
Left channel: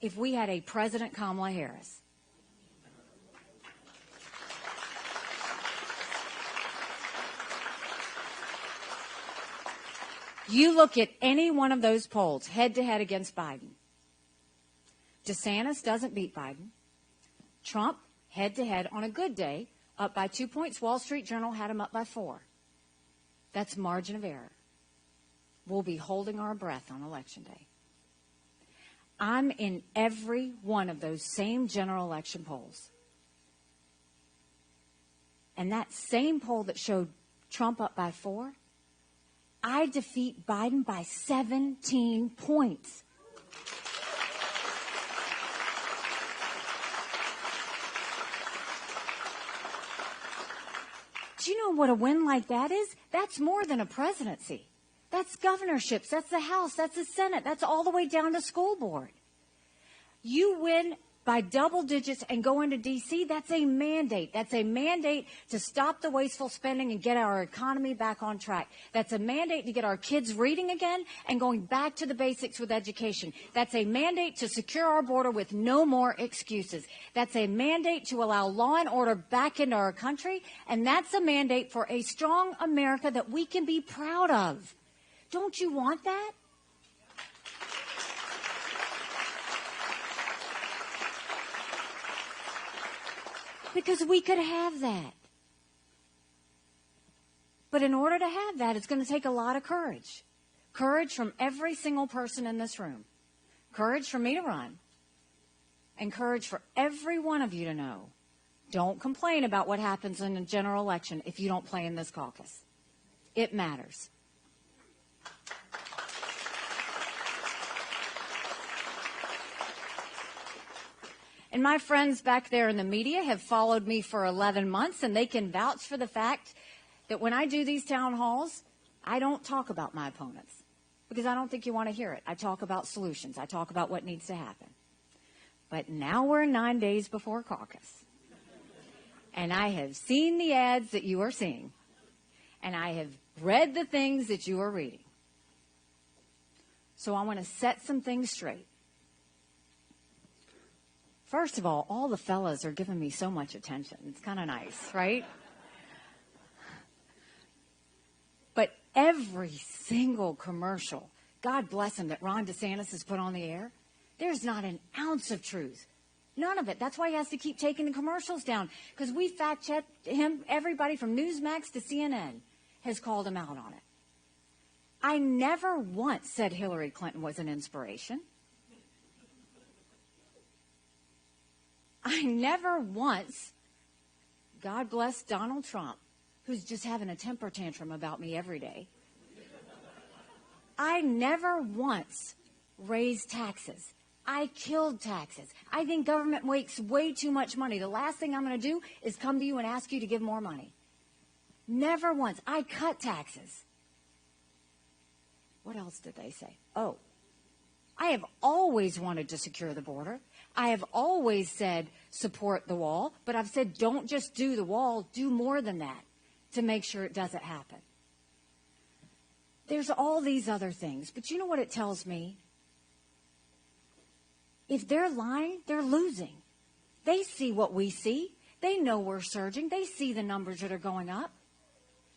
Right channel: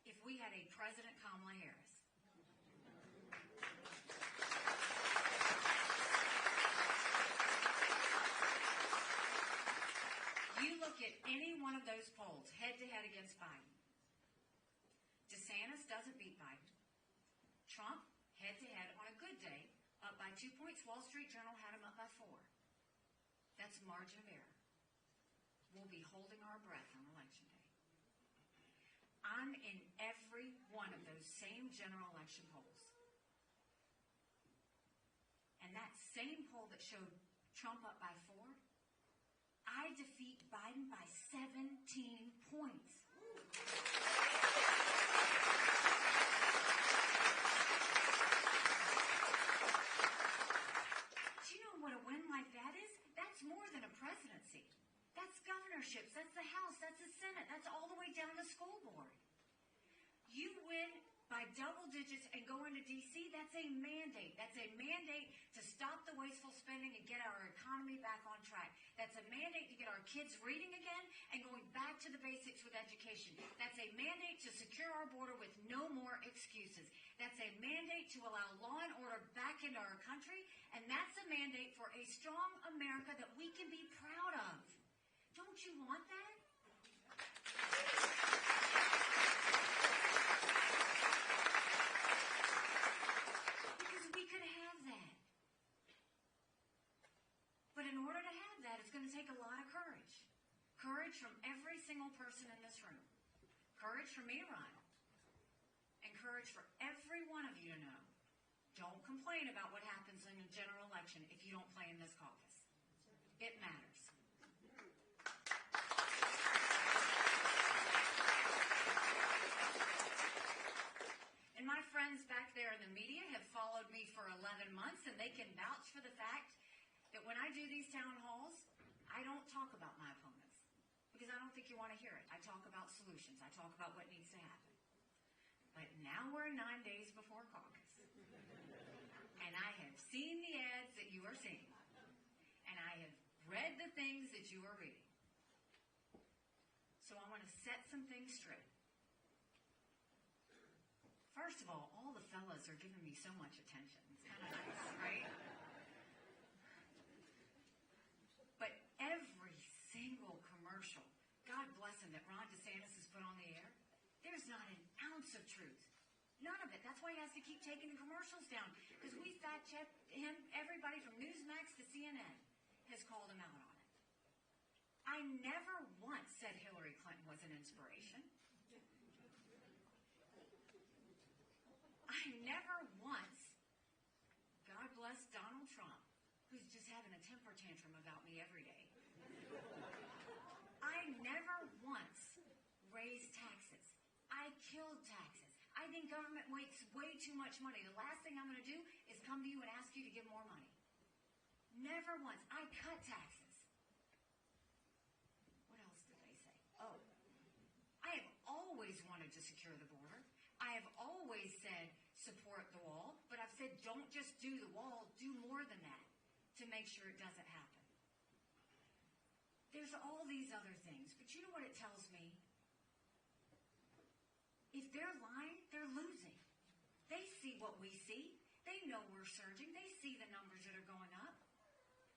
if we had a President Kamala Harris. You look at any one of those polls head-to-head against Biden. DeSantis doesn't beat Biden. Trump, head-to-head on a good day, up by 2 points. Wall Street Journal had him up by 4. That's margin of error. We'll be holding our breath on Election Day. I'm in every one of those same general election polls. And that same poll that showed Trump up by 4, I defeat Biden by 17 points. Do you know what a win like that is? That's more than a presidency. That's governorships. That's the House. That's the Senate. That's all the way down to school board. You win by double digits and go into D.C., that's a mandate. That's a mandate to stop the wasteful spending and get our economy back on track. That's a mandate to get our kids reading again and going back to the basics with education. That's a mandate to secure our border with no more excuses. That's a mandate to allow law and order back into our country. And that's a mandate for a strong America that we can be proud of. Don't you want that? Because we could have that. But in order to have that, it's going to take a lot of courage. Courage from every single person in this room. Courage for me to run. And courage for every one of you to know. Don't complain about what happens in a general election if you don't play in this caucus. It matters. And my friends back there in the media have followed me for 11 months, and they can vouch for the fact that when I do these town halls, I don't talk about my opponents because I don't think you want to hear it. I talk about solutions. I talk about what needs to happen. But now we're 9 days before caucus. And I have seen the ads that you are seeing. And I have read the things that you are reading. So I want to set some things straight. First of all the fellas are giving me so much attention. It's kind of nice, right? But every single commercial, God bless him, that Ron DeSantis has put on the air, there's not an ounce of truth. None of it. That's why he has to keep taking the commercials down, because we fact-checked him. Everybody from Newsmax to CNN has called him out on it. I never once said Hillary Clinton was an inspiration. I never once, God bless Donald Trump, who's just having a temper tantrum about me every day. I never once raised taxes. I killed taxes. I think government makes way too much money. The last thing I'm going to do is come to you and ask you to give more money. Never once. I cut taxes. What else did they say? Oh, I have always wanted to secure the border. I have always said support the wall, but I've said don't just do the wall, do more than that to make sure it doesn't happen. There's all these other things, but you know what it tells me? If they're lying, they're losing. They see what we see. They know we're surging. They see the numbers that are going up.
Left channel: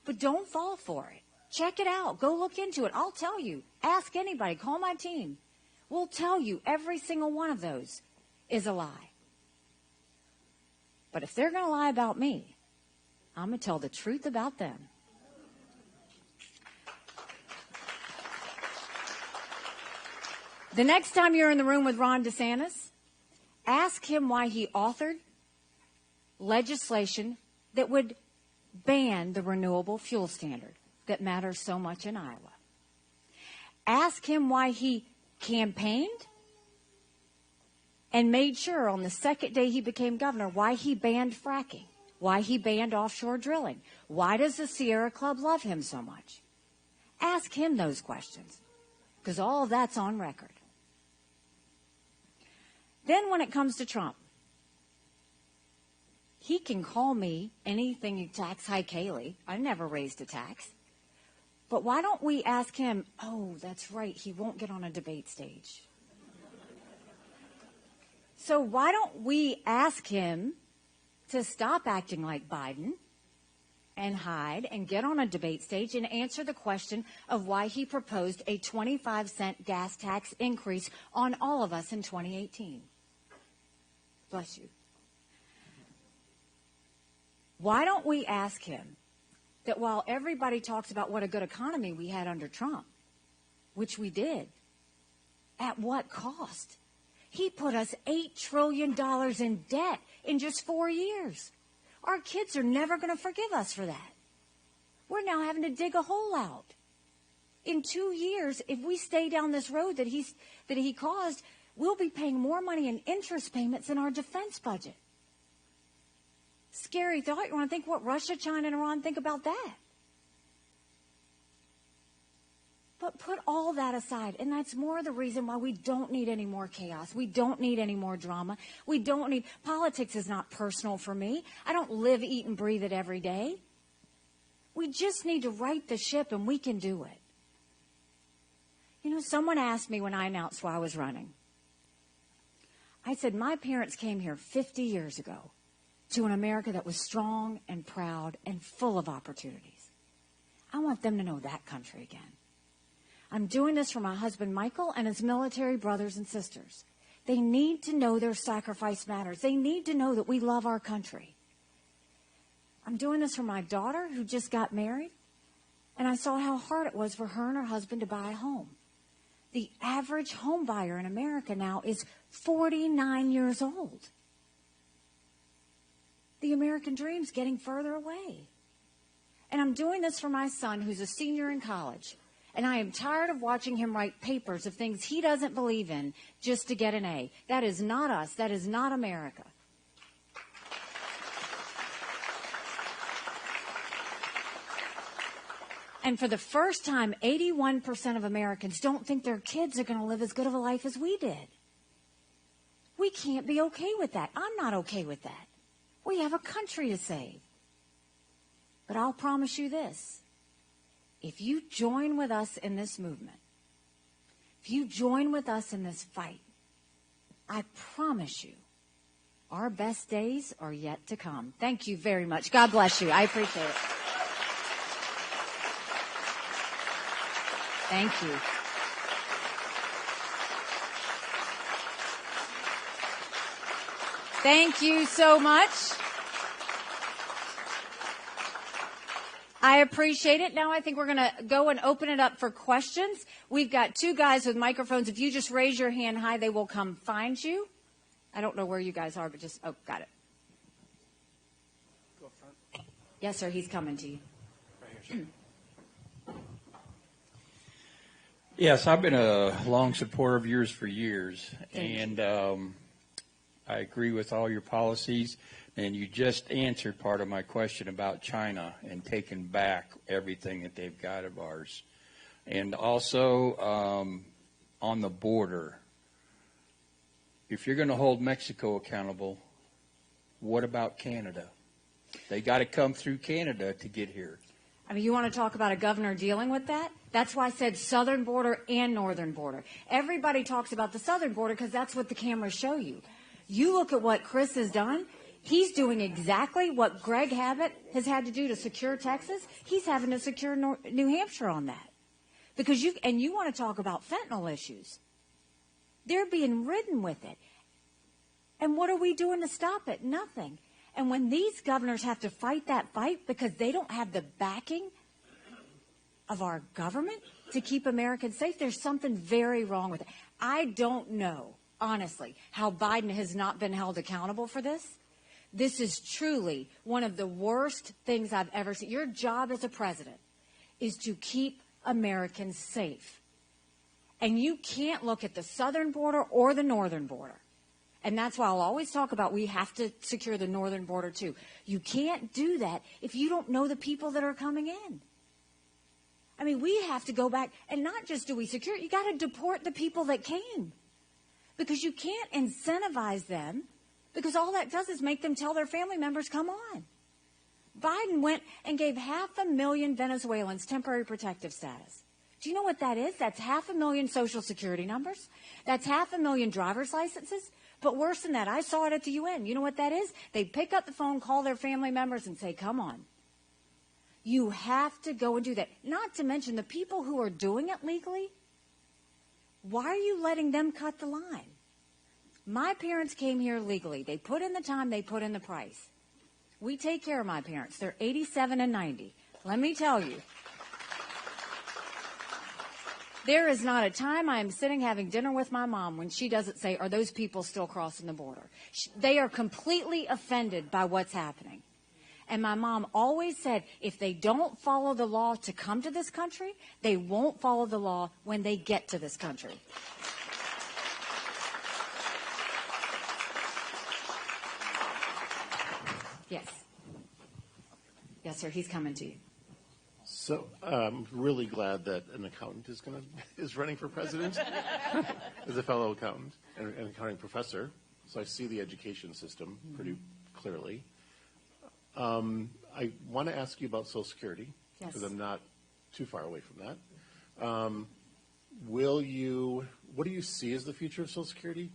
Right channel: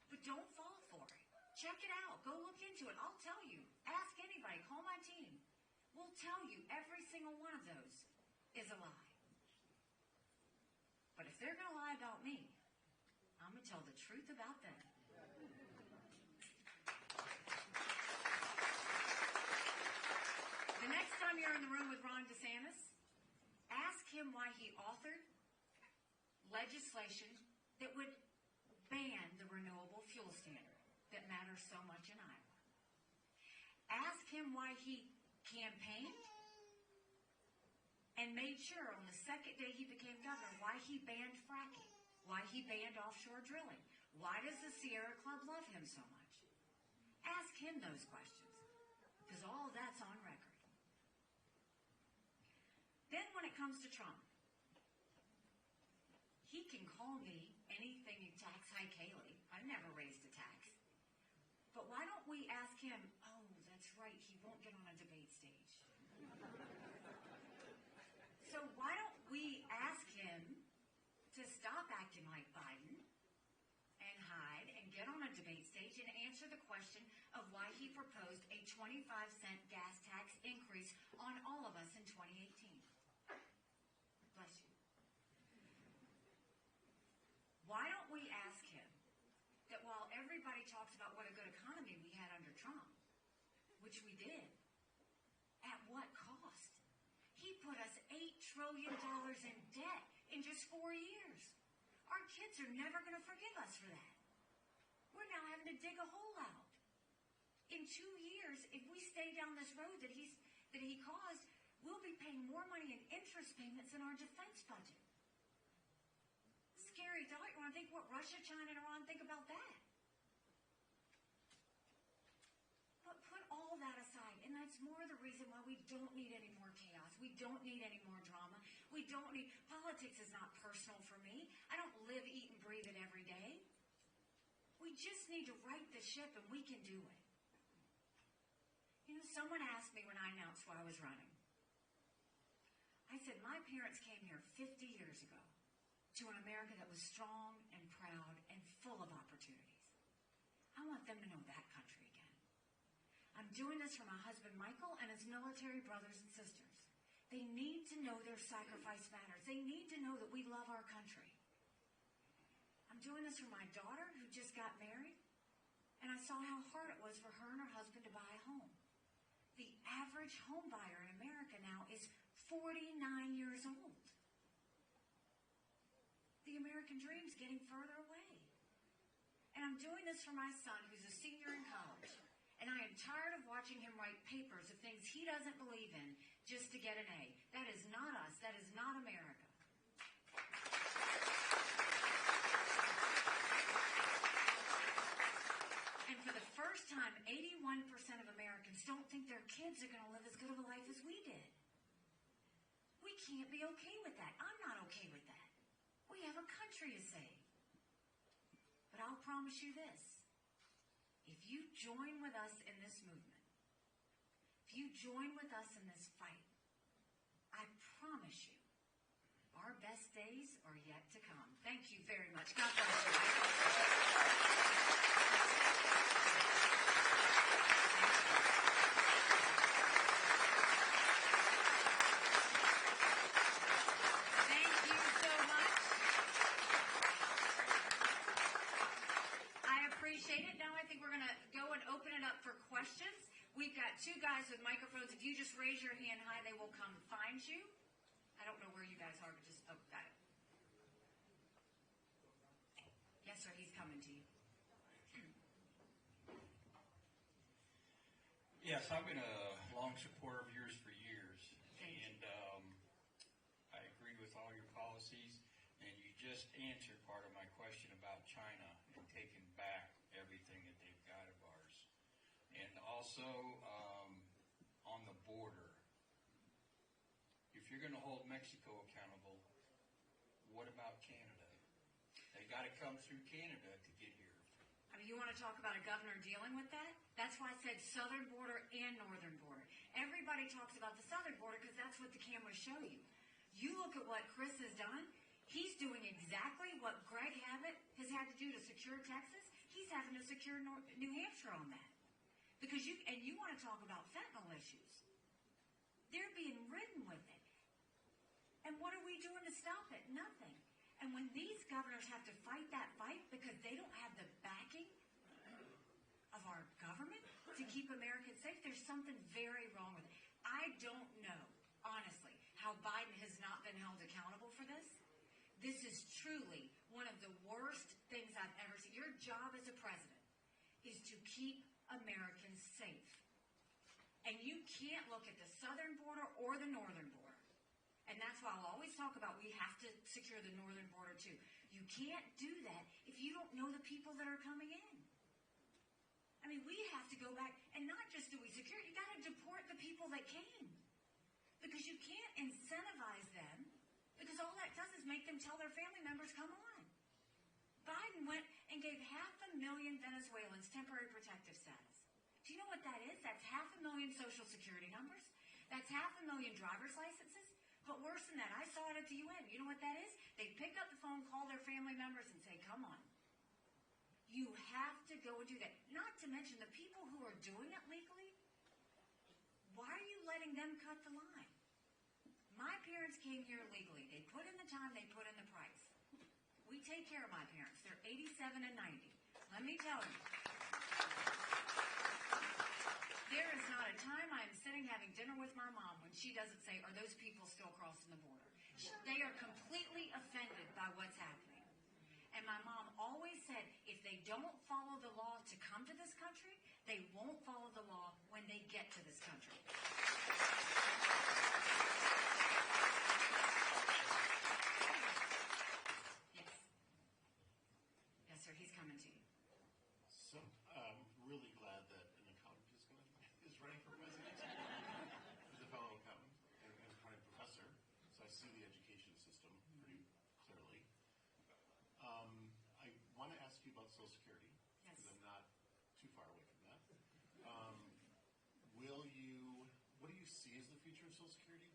But don't fall for it. Check it out. Go look into it. I'll tell you. Ask anybody. Call my team. We'll tell you every single one of those is a lie. But if they're going to lie about me, I'm going to tell the truth about them. The next time you're in the room with Ron DeSantis, ask him why he authored legislation that would ban the renewable fuel standard that matters so much in Iowa. Ask him why he campaigned and made sure on the second day he became governor why he banned fracking, why he banned offshore drilling. Why does the Sierra Club love him so much? Ask him those questions, because all of that's on record. Then when it comes to Trump, he can call me anything you tax hike Haley. I never raised a tax. But why don't we ask him, oh, that's right, he won't get on a debate stage. So why don't we ask him to stop acting like Biden and hide and get on a debate stage and answer the question of why he proposed a 25-cent gas tax increase on all of us in 2018. Bless you. Why don't we ask him that while everybody talks about what a good economy we had under Trump, which we did, at what cost? He put us $8 trillion in debt in just 4 years. Our kids are never going to forgive us for that. We're now having to dig a hole out. In 2 years, if we stay down this road that he caused, we'll be paying more money in interest payments in our defense budget. Scary thought. You want to think what Russia, China, and Iran think about that? But put all that aside, and that's more the reason why we don't need any more chaos. We don't need any more drama. We don't need... Politics is not personal for me. I don't live, eat, and breathe it every day. We just need to right the ship, and we can do it. You know, someone asked me when I announced why I was running. I said, my parents came here 50 years ago to an America that was strong and proud and full of opportunities. I want them to know that country again. I'm doing this for my husband, Michael, and his military brothers and sisters. They need to know their sacrifice matters. They need to know that we love our country. I'm doing this for my daughter who just got married, and I saw how hard it was for her and her husband to buy a home. The average home buyer in America now is 49 years old. The American dream's getting further away. And I'm doing this for my son who's a senior in college. And I am tired of watching him write papers of things he doesn't believe in just to get an A. That is not us. That is not America. And for the first time, 81% of Americans don't think their kids are going to live as good of a life as we did. We We can't be okay with that. I'm not okay with that. We have a country to save. But I'll promise you this. If you join with us in this movement, if you join with us in this fight, I promise you, our best days are yet to come. Thank you very much. God bless you. I appreciate it. Thank you. Thank you so much. I appreciate it. Now I think we're going to go and open it up for questions. We've got two guys with microphones. If you just raise your hand high, they will come find you. I don't know where you guys are, but just, oh, got it. Go up front. Yes, sir, he's coming to you. Right here, sir. Yes, I've been a long supporter of yours for years, and I agree with all your policies, and you just answered part of my question about China and taking back everything that they've got of ours. And also on the border, if you're going to hold Mexico accountable, what about Canada? They got to come through Canada to get here. I mean, you want to talk about a governor dealing with that? That's why I said southern border and northern border. Everybody talks about the southern border because that's what the cameras show you. You look at what Chris has done. He's doing exactly what Greg Abbott has had to do to secure Texas. He's having to secure New Hampshire on that. Because you want to talk about fentanyl issues. They're being ridden with it. And what are we doing to stop it? Nothing. And when these governors have to fight that fight because they don't have the backing of our government to keep Americans safe, there's something very wrong with it. I don't know, honestly, how Biden has not been held accountable for this. This is truly one of the worst things I've ever seen. Your job as a president is to keep Americans safe. And you can't look at the southern border or the northern border. And that's why I'll always talk about we have to secure the northern border too. You can't do that if you don't know the people that are coming in. I mean, we have to go back, and not just do we secure it, you got to deport the people that came. Because you can't incentivize them, because all that does is make them tell their family members, come on. Biden went and gave 500,000 Venezuelans temporary protective status. Do you know what that is? That's 500,000 Social Security numbers. That's 500,000 driver's licenses. But worse than that, I saw it at the UN. You know what that is? They pick up the phone, call their family members, and say, come on. You have to go and do that. Not to mention the people who are doing it legally. Why are you letting them cut the line? My parents came here legally. They put in the time, they put in the price. We take care of my parents. They're 87 and 90. Let me tell you. There is not a time I am sitting having dinner with my mom when she doesn't say, are those people still crossing the border? They are completely offended by what's happening. And my mom always said, if they don't follow the law to come to this country, they won't follow the law when they get to this country. Yes. Yes, sir. He's coming to you. So I'm really glad that an accountant is running for president as a fellow accountant and an accounting professor. So I see the education system pretty clearly. I want to ask you about Social Security because I'm not too far away from that. What do you see as the future of Social Security?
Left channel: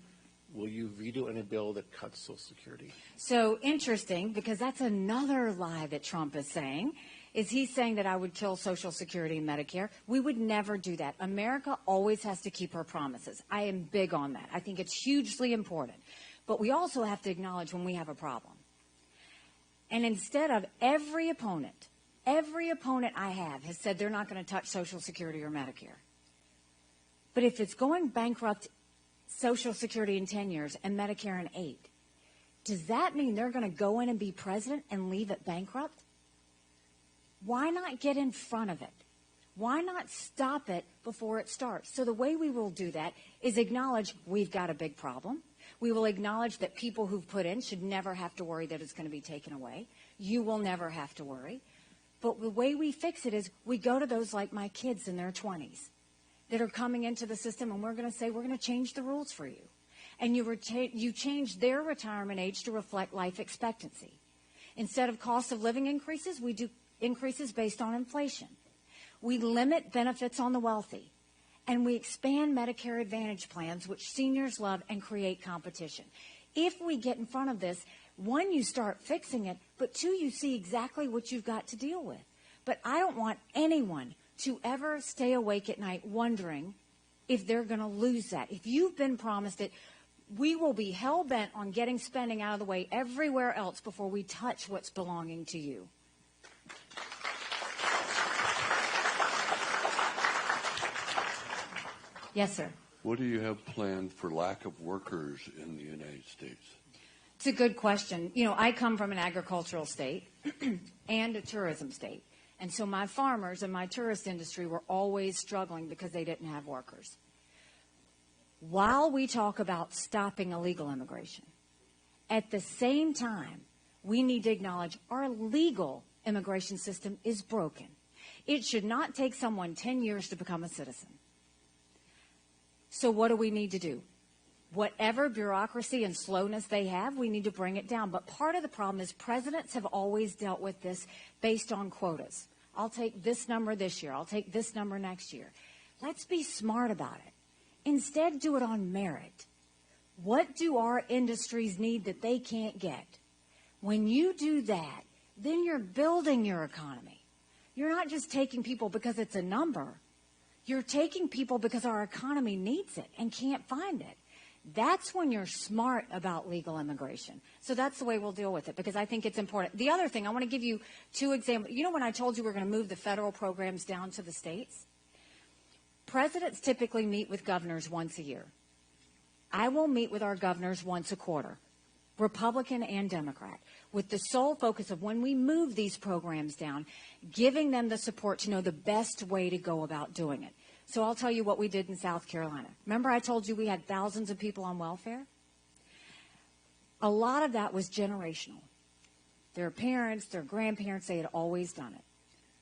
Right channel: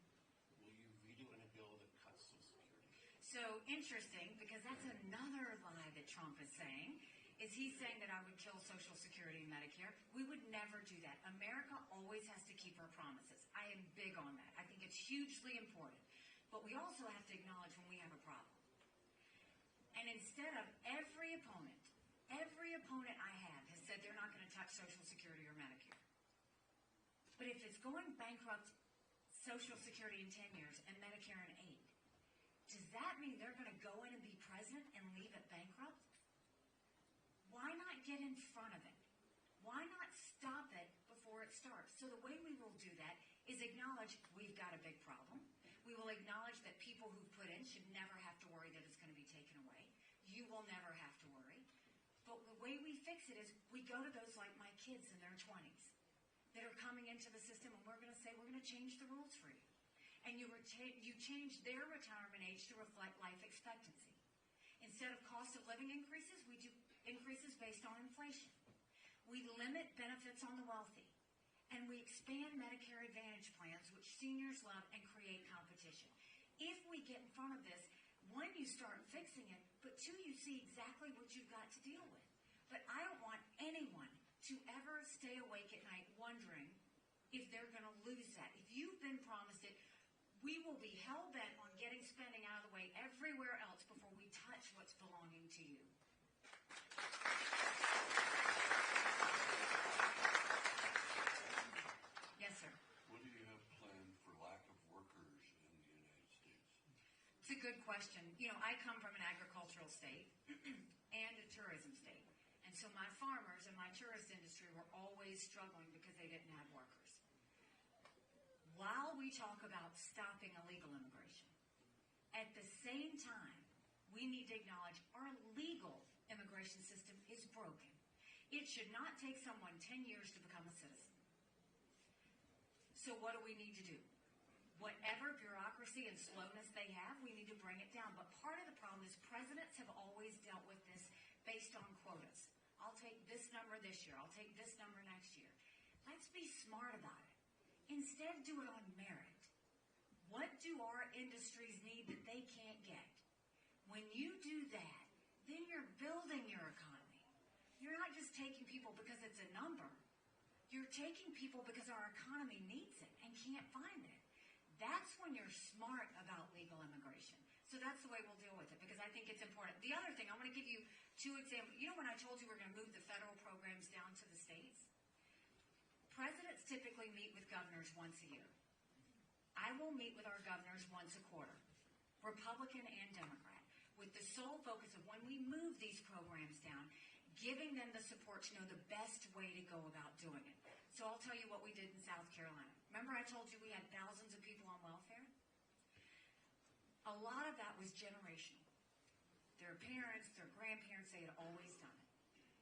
Will you veto any bill that cuts Social Security? So interesting, because that's another lie that Trump is saying. Is he's saying that I would kill Social Security and Medicare? We would never do that. America always has to keep her promises. I am big on that. I think it's hugely important. But we also have to acknowledge when we have a problem. And instead of every opponent I have has said they're not going to touch Social Security or Medicare. But if it's going bankrupt Social Security in 10 years and Medicare in 8, does that mean they're going to go in and be president and leave it bankrupt? Why not get in front of it? Why not stop it before it starts? So the way we will do that is acknowledge we've got a big problem. We will acknowledge that people who've put in should never have to worry that it's going to be taken away. You will never have to worry. But the way we fix it is we go to those like my kids in their 20s that are coming into the system, and we're going to say we're going to change the rules for you. and you changed their retirement age to reflect life expectancy. Instead of cost of living increases, we do increases based on inflation. We limit benefits on the wealthy, and we expand Medicare Advantage plans, which seniors love, and create competition. If we get in front of this, one, you start fixing it, but two, you see exactly what you've got to deal with. But I don't want anyone to ever stay awake at night wondering if they're going to lose that. If you've been promised it, we will be hell-bent on getting spending out of the way everywhere else before we touch what's belonging to you. Yes, sir. What do you have planned for lack of workers in the United States? It's a good question. You know, I come from an agricultural state and a tourism state. And so my farmers and my tourist industry were always struggling because they didn't have workers. While we talk about stopping illegal immigration, at the same time, we need to acknowledge our legal immigration system is broken. It should not take someone 10 years to become a citizen. So what do we need to do? Whatever bureaucracy and slowness they have, we need to bring it down. But part of the problem is presidents have always dealt with this based on quotas. I'll take this number this year. I'll take this number next year. Let's be smart about it. Instead, do it on merit. What do our industries need that they can't get? When you do that, then you're building your economy. You're not just taking people because it's a number. You're taking people because our economy needs it and can't find it. That's when you're smart about legal immigration. So that's the way we'll deal with it, because I think it's important. The other thing, I want to give you two examples. You know when I told you we're going to move the federal programs down to the states? Presidents typically meet with governors once a year. I will meet with our governors once a quarter, Republican and Democrat, with the sole focus of when we move these programs down, giving them the support to know the best way to go about doing it. So I'll tell you what we did in South Carolina. Remember I told you we had thousands of people on welfare? A lot of that was generational. Their parents, their grandparents, they had always done it.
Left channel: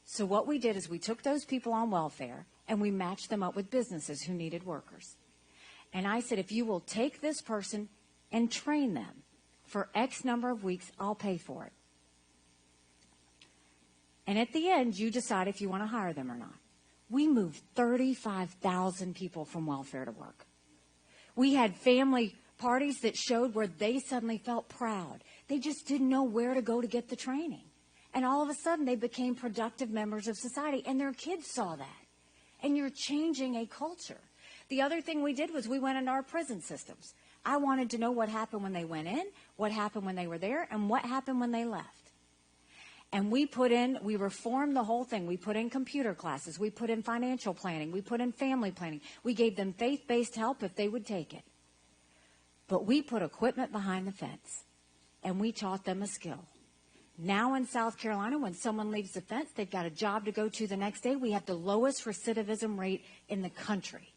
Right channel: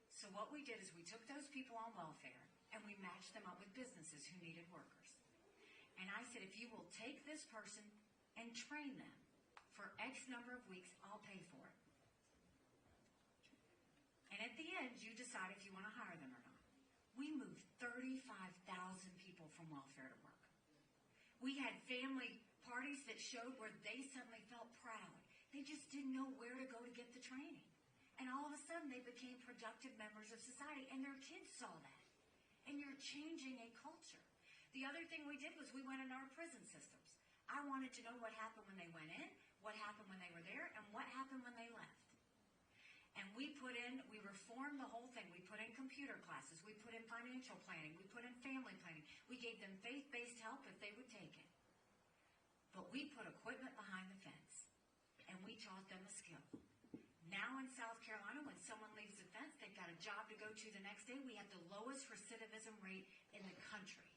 So what we did is we took those people on welfare and we matched them up with businesses who needed workers. And I said, if you will take this person and train them for X number of weeks, I'll pay for it. And at the end, you decide if you want to hire them or not. We moved 35,000 people from welfare to work. We had family parties that showed where they suddenly felt proud. They just didn't know where to go to get the training. And all of a sudden, they became productive members of society, and their kids saw that. And you're changing a culture. The other thing we did was we went into our prison systems. I wanted to know what happened when they went in, what happened when they were there, and what happened when they left. And we reformed the whole thing. We put in computer classes. We put in financial planning. We put in family planning. We gave them faith-based help if they would take it. But we put equipment behind the fence, and we taught them a skill. Now in South Carolina, when someone leaves the fence, they've got a job to go to the next day. We have the lowest recidivism rate in the country.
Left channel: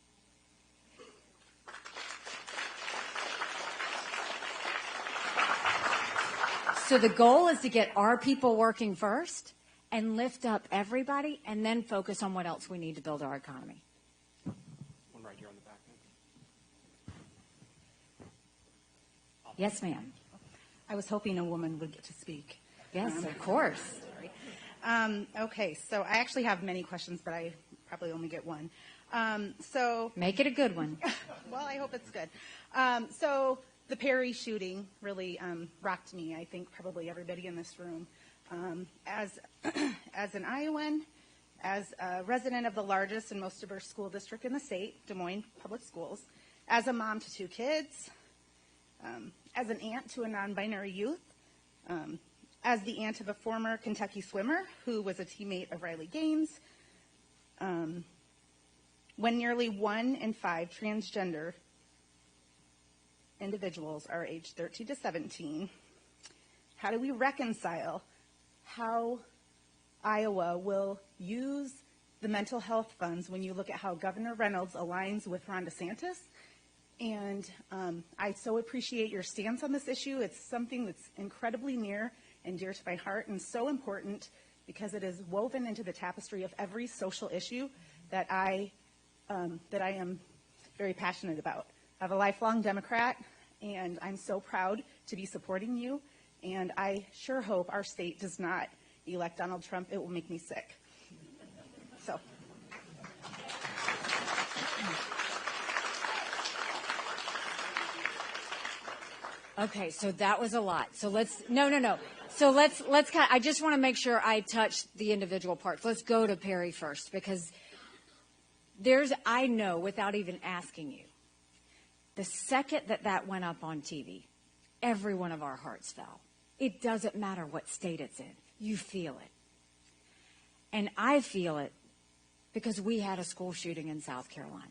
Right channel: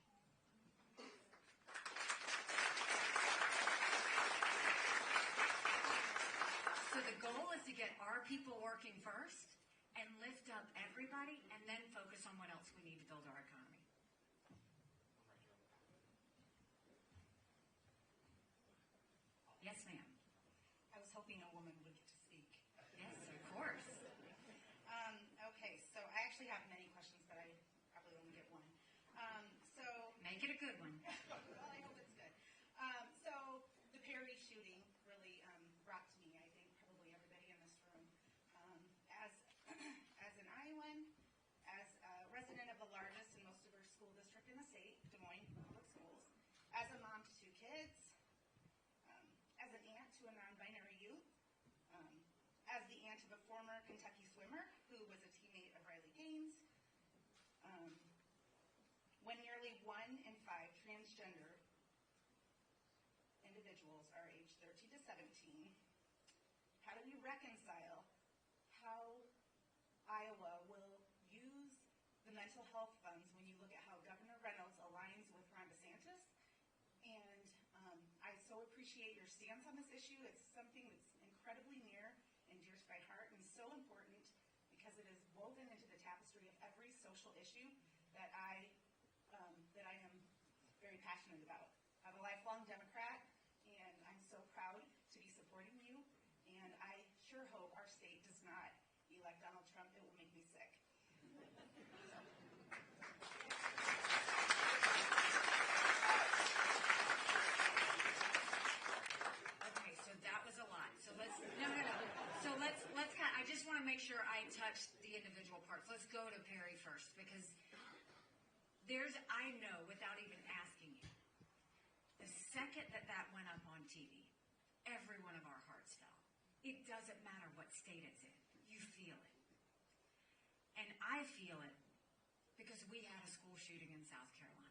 So the goal is to get our people working first and lift up everybody and then focus on what else we need to build our economy. One right here on the back. Yes, ma'am. I was hoping a woman would get to speak. Yes, of course. Okay, so I actually have many questions, but I probably only get one. Make it a good one. Well, I hope it's good. So the Perry shooting really rocked me. I think probably everybody in this room. As an Iowan, as a resident of the largest and most diverse school district in the state, Des Moines Public Schools, as a mom to 2 kids, as an aunt to a non-binary youth, as the aunt of a former Kentucky swimmer who was a teammate of Riley Gaines, when nearly 1 in 5 transgender individuals are aged 13 to 17, how do we reconcile how Iowa will use the mental health funds when you look at how Governor Reynolds aligns with Ron DeSantis? And I so appreciate your stance on this issue. It's something that's incredibly near and dear to my heart and so important because it is woven into the tapestry of every social issue that I am very passionate about. I'm a lifelong Democrat, and I'm so proud to be supporting you, and I sure hope our state does not elect Donald Trump. It will make me sick. So. Okay, so that was a lot. So no. So let's I just want to make sure I touch the individual parts. Let's go to Perry first, because I know without even asking you, the second that went up on TV, every one of our hearts fell. It doesn't matter what state it's in. You feel it. And I feel it because we had a school shooting in South Carolina.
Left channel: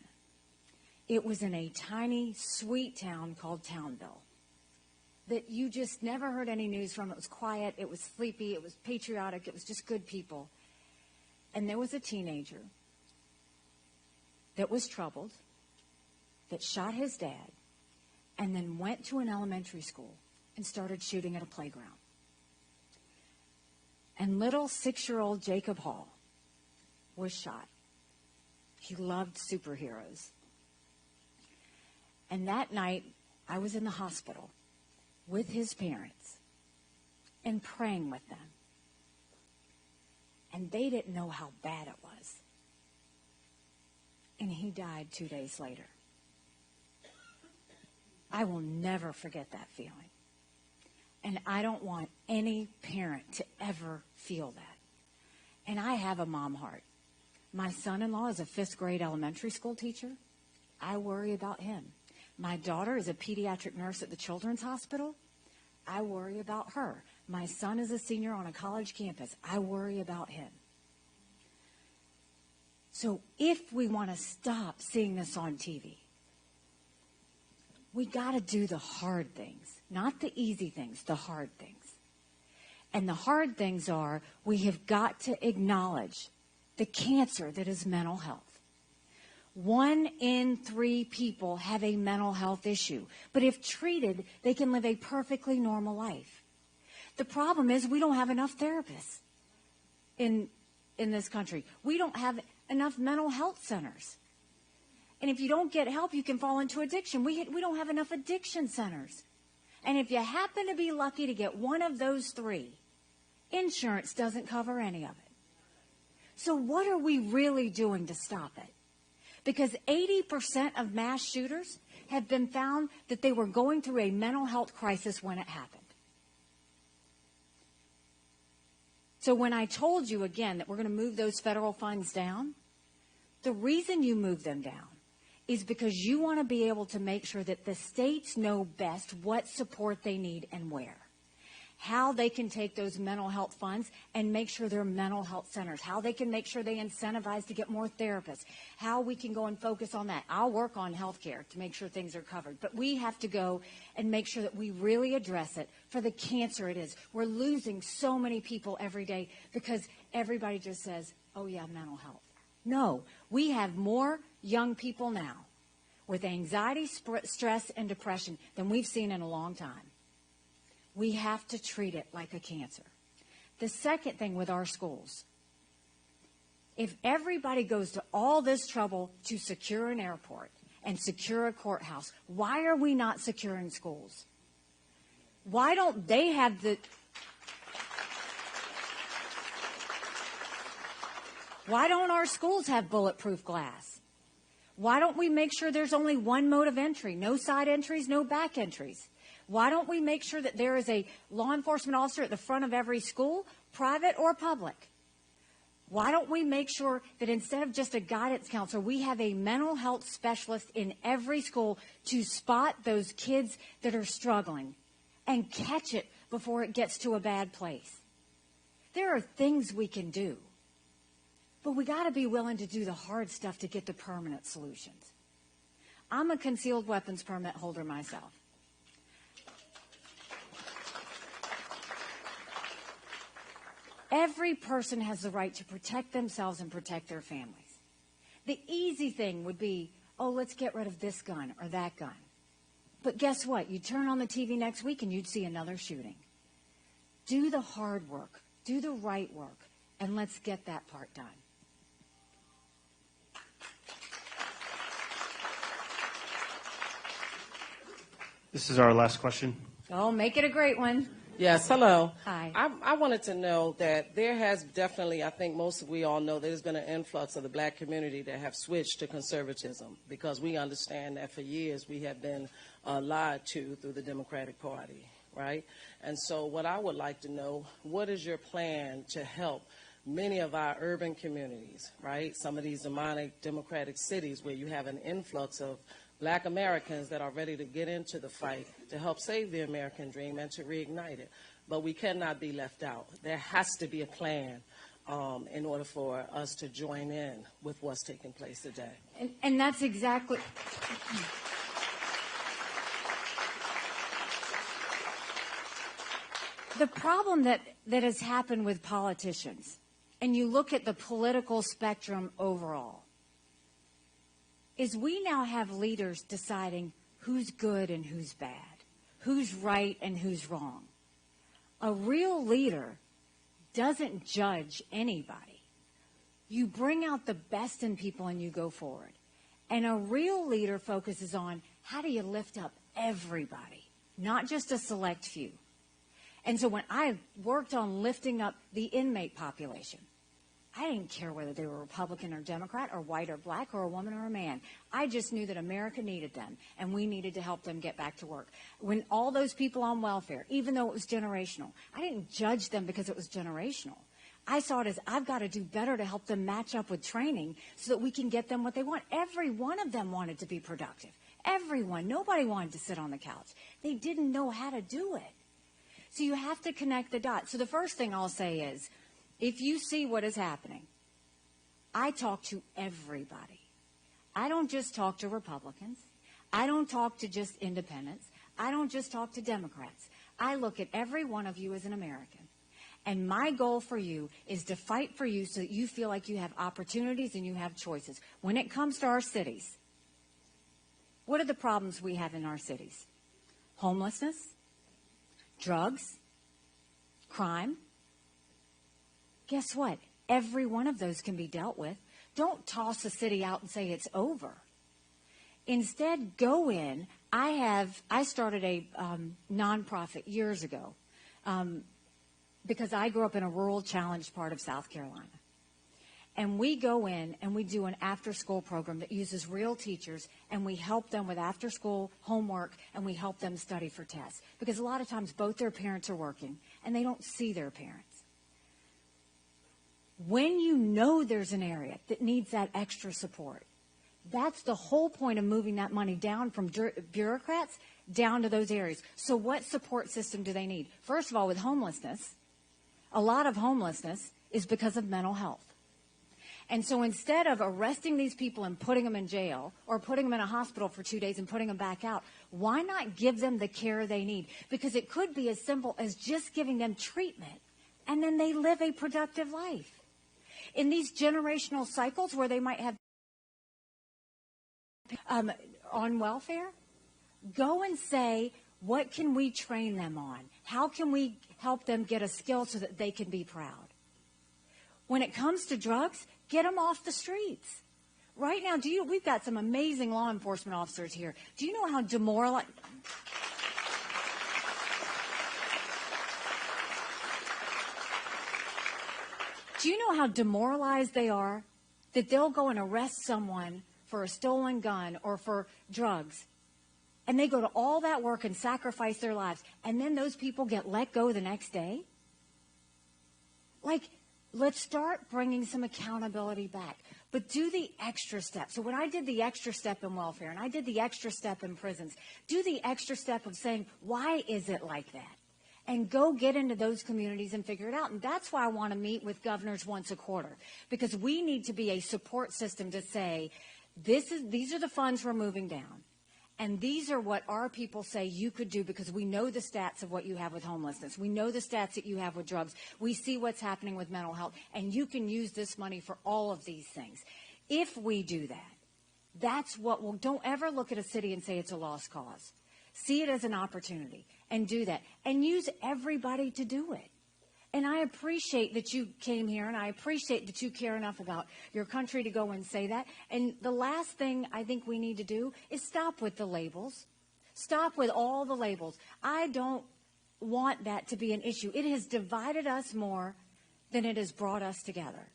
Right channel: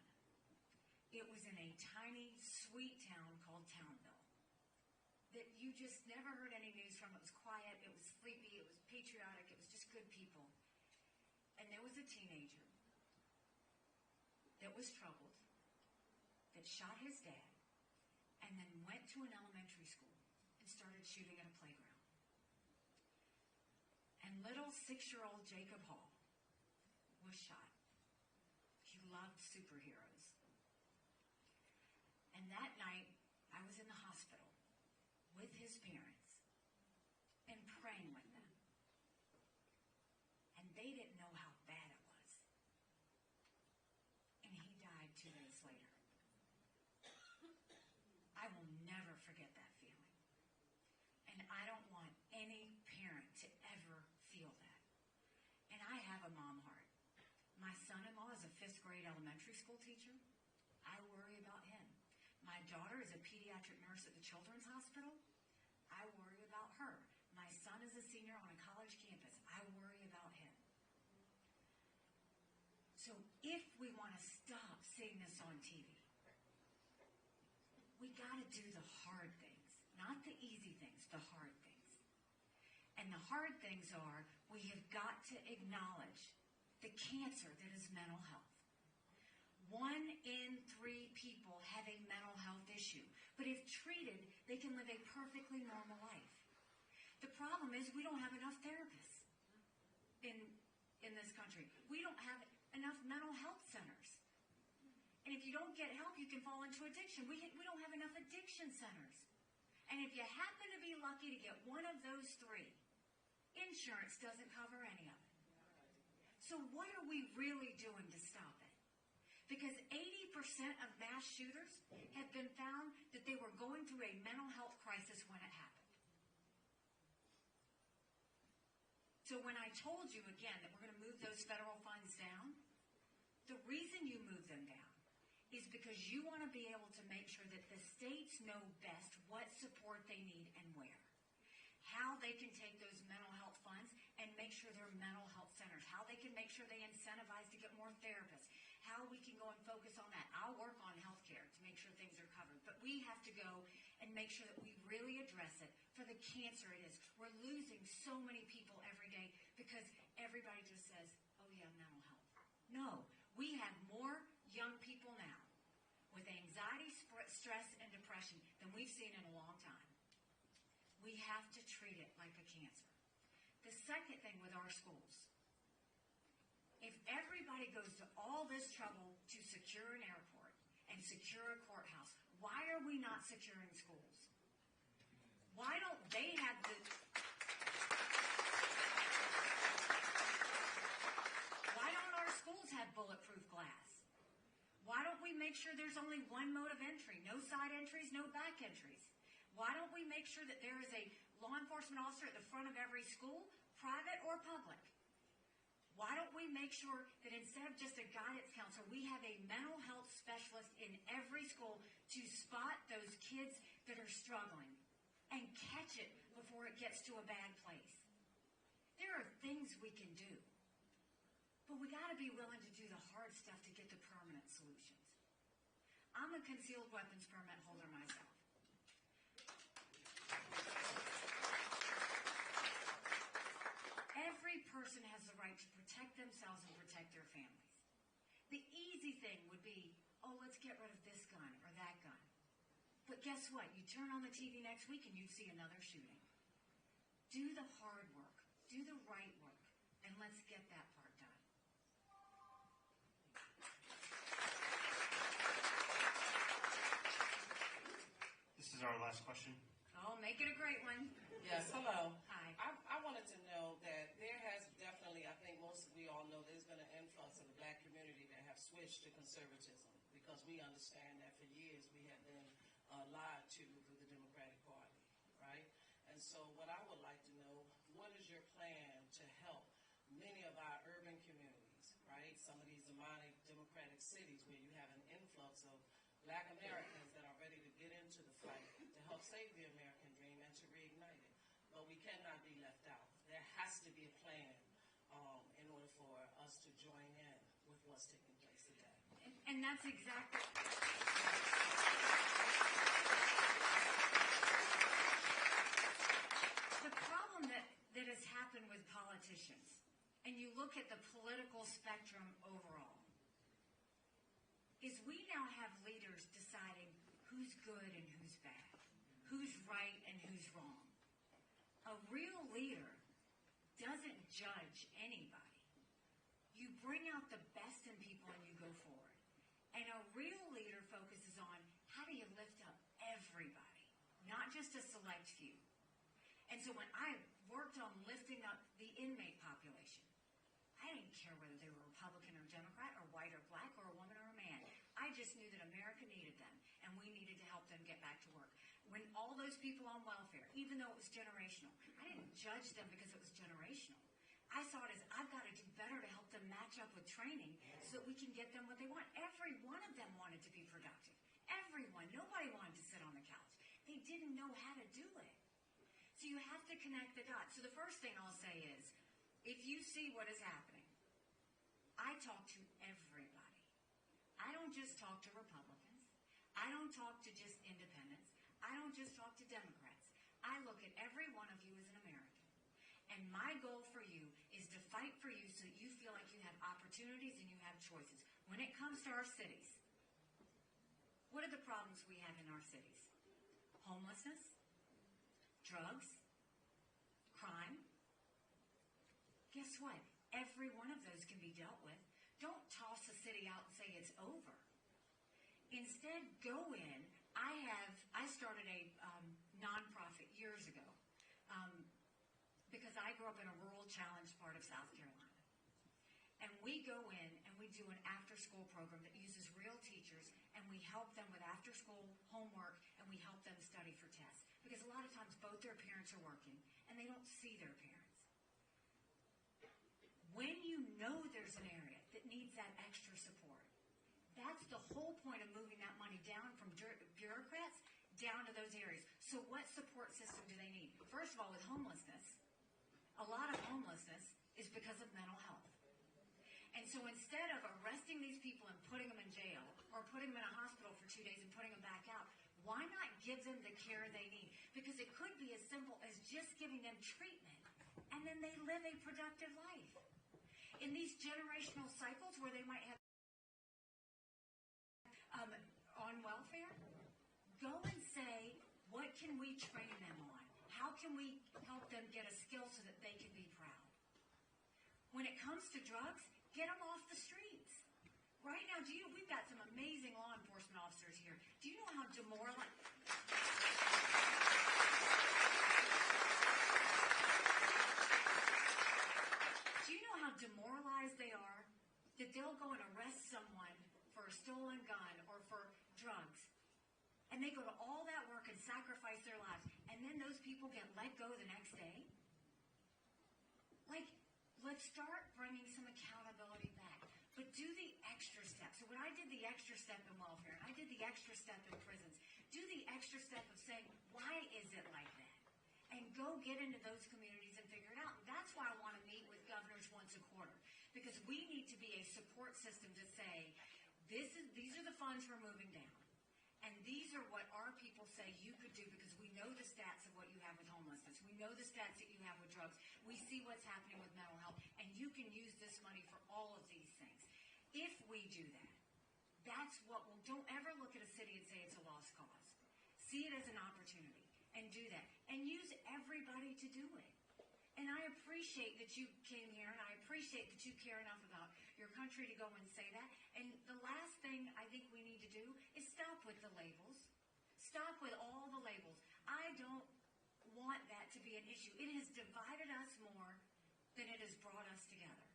It was in a tiny, sweet town called Townville that you just never heard any news from. It was quiet, it was sleepy, it was patriotic, it was just good people. And there was a teenager that was troubled, that shot his dad, and then went to an elementary school and started shooting at a playground. And little 6-year-old Jacob Hall was shot. He loved superheroes. And that night, I was in the hospital with his parents and praying with them. And they didn't know how bad it was. And he died 2 days later. I will never forget that feeling. And I don't want any parent to ever feel that. And I have a mom heart. My son-in-law is a 5th grade elementary school teacher. I worry about him. My daughter is a pediatric nurse at the Children's Hospital. I worry about her. My son is a senior on a college campus. I worry about him. So if we want to stop seeing this on TV, we got to do the hard things, not the easy things, the hard things. And the hard things are, we have got to acknowledge the cancer that is mental health. 1 in 3 people have a mental health issue. But if treated, they can live a perfectly normal life. The problem is we don't have enough therapists in this country. We don't have enough mental health centers. And if you don't get help, you can fall into addiction. We don't have enough addiction centers. And if you happen to be lucky to get one of those 3, insurance doesn't cover any of it. So what are we really doing to stop it? Because 80% of mass shooters have been found that they were going through a mental health crisis when it happened. So when I told you again that we're going to move those federal funds down, the reason you move them down is because you want to be able to make sure that the states know best what support they need and where. How they can take those mental health funds and make sure they're mental health centers. How they can make sure they incentivize to get more therapists. How we can go and focus on that. I'll work on health care to make sure things are covered. But we have to go and make sure that we really address it for the cancer it is. We're losing so many people every day because everybody just says, oh yeah, mental health. No, we have more young people now with anxiety, stress, and depression than we've seen in a long time. We have to treat it like a cancer. The second thing with our schools, if everybody goes to all this trouble to secure an airport and secure a courthouse, why are we not securing schools? Why don't they have Why don't our schools have bulletproof glass? Why don't we make sure there's only one mode of entry, no side entries, no back entries? Why don't we make sure that there is a law enforcement officer at the front of every school, private or public? Why don't we make sure that instead of just a guidance counselor, we have a mental health specialist in every school to spot those kids that are struggling and catch it before it gets to a bad place? There are things we can do, but we got to be willing to do the hard stuff to get the permanent solutions. I'm a concealed weapons permit holder myself. Every person has the right to protect themselves and protect their families. The easy thing would be, oh, let's get rid of this gun or that gun. But guess what? You turn on the TV next week and you'd see another shooting. Do the hard work. Do the right work. And let's get that part done. This is our last question. Oh, make it a great one. Yes, hello. Hi. I wanted to know that there has definitely, I think we all know there's been an influx of the black community that have switched to conservatism because we understand that for years we have been lied to through the Democratic Party, right? And so what I would like to know, what is your plan to help many of our urban communities, right? Some of these democratic cities where you have an influx of black Americans that are ready to get into the fight to help save the American dream and to reignite it. But we cannot be left out. There has to be a plan in order for us to join in with what's taking place today. And that's exactly... The problem that has happened with politicians, and you look at the political spectrum overall, is we now have leaders deciding who's good and who's bad, who's right and who's wrong. A real leader doesn't judge anybody. You bring out the best in people and you go forward. And a real leader focuses on how do you lift up everybody, not just a select few. And so when I worked on lifting up the inmate population, I didn't care whether they were Republican or Democrat or white or black or a woman or a man. I just knew that America needed them, and we needed to help them get back to work. When all those people on welfare, even though it was generational, I didn't judge them because it was generational. I saw it as I've got to do better to help them match up with training so that we can get them what they want. Every one of them wanted to be productive. Everyone. Nobody wanted to sit on the couch. They didn't know how to do it. So you have to connect the dots. So the first thing I'll say is, if you see what is happening, I talk to everybody. I don't just talk to Republicans. I don't talk to just independents. I don't just talk to Democrats. I look at every one of you as an American. And my goal for you is to fight for you so that you feel like you have opportunities and you have choices. When it comes to our cities, what are the problems we have in our cities? Homelessness, drugs, crime. Guess what? Every one of those can be dealt with. Don't toss the city out and say it's over. Instead, go in. I started a nonprofit years ago because I grew up in a rural, challenged part of South Carolina. And we go in and we do an after-school program that uses real teachers, and we help them with after-school homework, and we help them study for tests. Because a lot of times both their parents are working, and they don't see their parents. When you know there's an area that needs that extra support, that's the whole point of moving that money down from bureaucrats down to those areas. So what support system do they need? First of all, with homelessness, a lot of homelessness is because of mental health. And so instead of arresting these people and putting them in jail or putting them in a hospital for 2 days and putting them back out, why not give them the care they need? Because it could be as simple as just giving them treatment, and then they live a productive life. In these generational cycles where they might have on welfare, go and say, what can we train them on? How can we help them get a skill so that they can be proud? When it comes to drugs, get them off the streets. Right now, we've got some amazing law enforcement officers here. Do you know how demoralized... Do you know how demoralized they are? That they'll go and arrest someone for a stolen gun or for drugs, and they go to all that work and sacrifice their lives, and then those people get let go the next day? Like, let's start bringing some accountability back. But do the extra step. So when I did the extra step in welfare and I did the extra step in prisons, do the extra step of saying, why is it like that? And go get into those communities and figure it out. And that's why I want to meet with governors once a quarter, because we need to be a support system to say, these are the funds we're moving down. And these are what our people say you could do, because we know the stats of what you have with homelessness. We know the stats that you have with drugs. We see what's happening with mental health. And you can use this money for all of these things. If we do that, that's what we'll... Don't ever look at a city and say it's a lost cause. See it as an opportunity and do that. And use everybody to do it. And I appreciate that you came here, and I appreciate that you care enough about your country to go and say that. And the last thing I think we need to do is stop with the labels. Stop with all the labels. I don't want that to be an issue. It has divided us more than it has brought us together.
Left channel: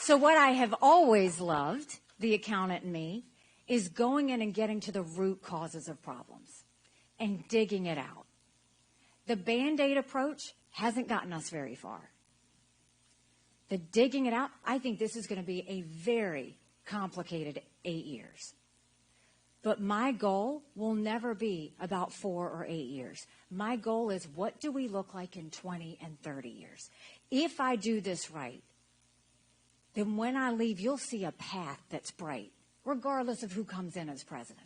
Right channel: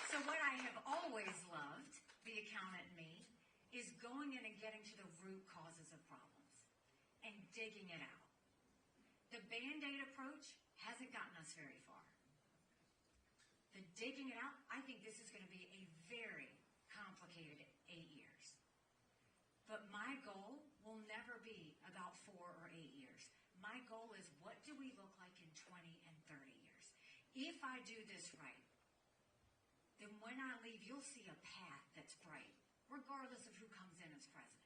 So what I have always loved, the accountant in me, is going in and getting to the root causes of problems and digging it out. The Band-Aid approach hasn't gotten us very far. The digging it out, I think this is going to be a very complicated 8 years. But my goal will never be about 4 or 8 years. My goal is, what do we look like in 20 and 30 years? If I do this right, then when I leave, you'll see a path that's bright, regardless of who comes in as president.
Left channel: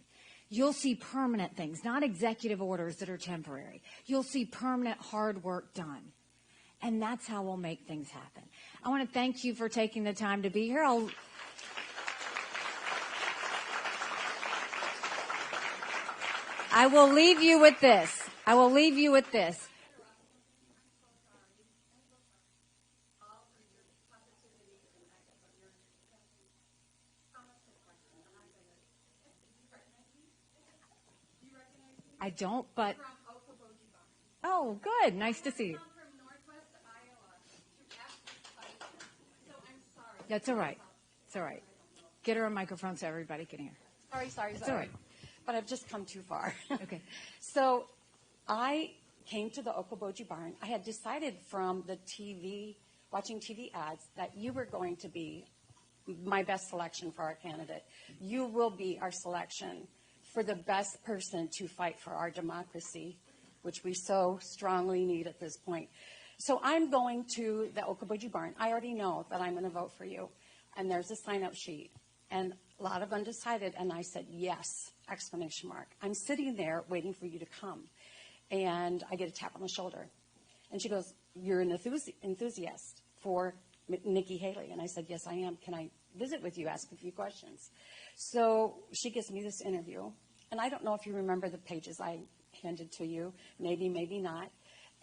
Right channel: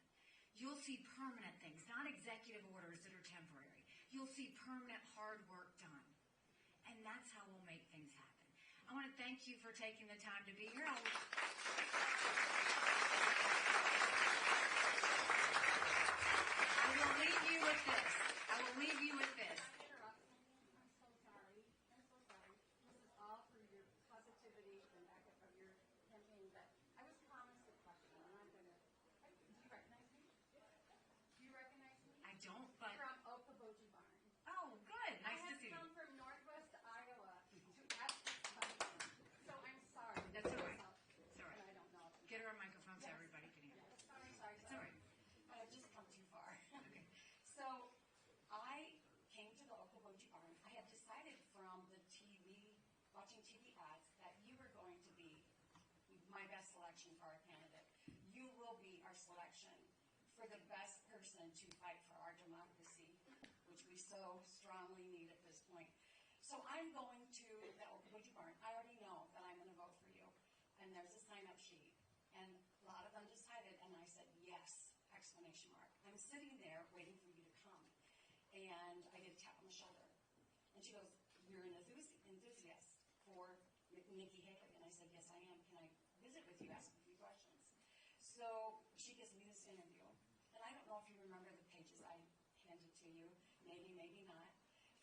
You'll see permanent things, not executive orders that are temporary. You'll see permanent hard work done. And that's how we'll make things happen. I want to thank you for taking the time to be here. I will leave you with this. I don't, but... Oh, good. Nice to see you. That's all right. It's all right. Get her a microphone so everybody can hear. Sorry. It's all right. But I've just come too far. Okay. So I came to the Okoboji Barn. I had decided from the TV, watching TV ads, that you were going to be my best selection for our candidate. You will be our selection for the best person to fight for our democracy, which we so strongly need at this point. So I'm going to the Okoboji Barn. I already know that I'm going to vote for you. And there's a sign-up sheet. And a lot of undecided. And I said, yes, exclamation mark. I'm sitting there waiting for you to come. And I get a tap on the shoulder. And she goes, you're an enthusiast for Nikki Haley. And I said, yes, I am. Can I visit with you, ask a few questions? So she gives me this interview. And I don't know if you remember the pages I handed to you. Maybe, maybe not.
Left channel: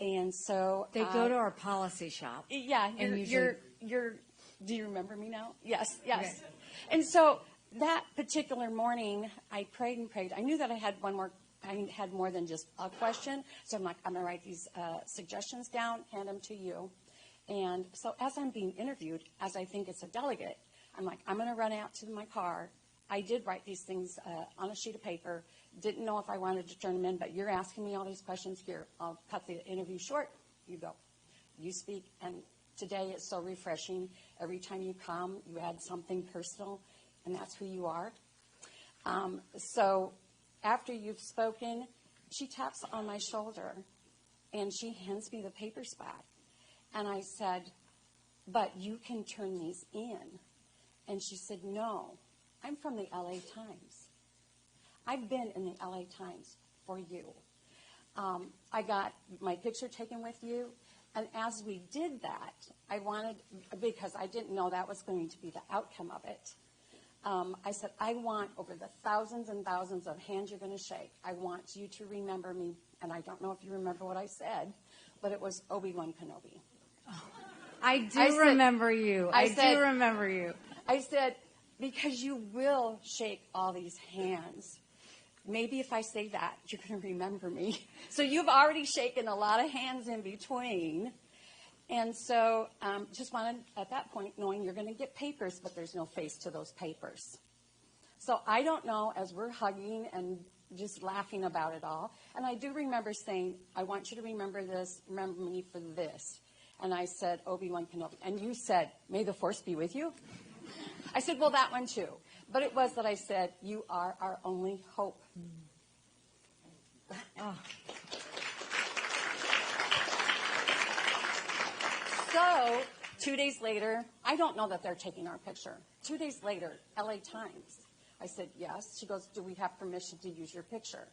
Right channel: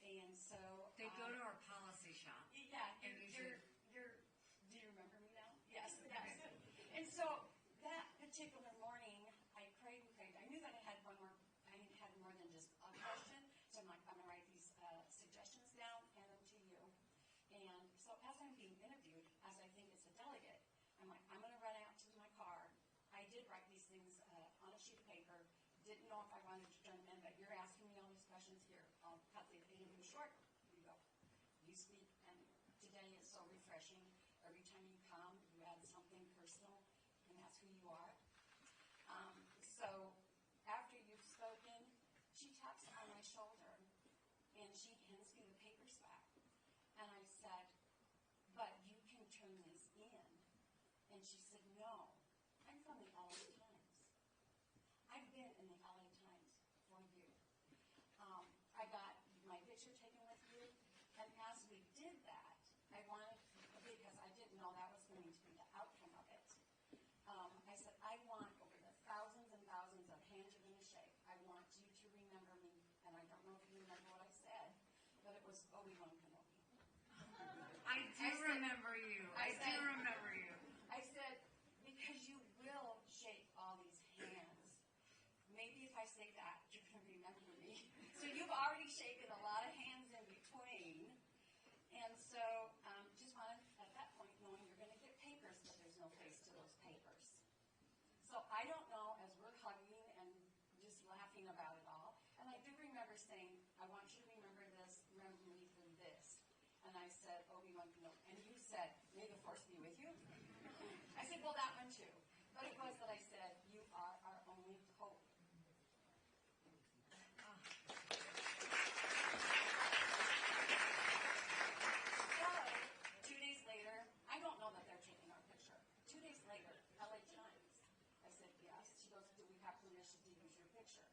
And so they go to our policy shop. Yeah, you're do you remember me now? Yes. Okay. And so that particular morning, I prayed and prayed. I knew that I had more than just a question. So I'm like, I'm going to write these suggestions down, hand them to you. And so as I'm being interviewed, as I think it's a delegate, I'm like, I'm going to run out to my car. I did write these things on a sheet of paper. Didn't know if I wanted to turn them in, but you're asking me all these questions here. I'll cut the interview short. You go. You speak. And today is so refreshing. Every time you come, you add something personal, and that's who you are. So after you've spoken, she taps on my shoulder, and she hands me the papers back. And I said, but you can turn these in. And she said, no, I'm from the LA Times. I've been in the LA Times for you. I got my picture taken with you, and as we did that, I wanted, because I didn't know that was going to be the outcome of it, I said, I want, over the thousands and thousands of hands you're going to shake, I want you to remember me, and I don't know if you remember what I said, but it was Obi-Wan Kenobi. I remember you. I do remember you. I said, because you will shake all these hands. Maybe if I say that, you're going to remember me. So you've already shaken a lot of hands in between. And so just wanted, at that point, knowing you're going to get papers, but there's no face to those papers. So I don't know, as we're hugging and just laughing about it all, and I do remember saying, I want you to remember this, remember me for this. And I said, Obi-Wan Kenobi. And you said, may the Force be with you? I said, well, that one too. But it was that I said, you are our only hope. Oh. So 2 days later, I don't know that they're taking our picture. 2 days later, LA Times. I said, yes. She goes, do we have permission to use your picture?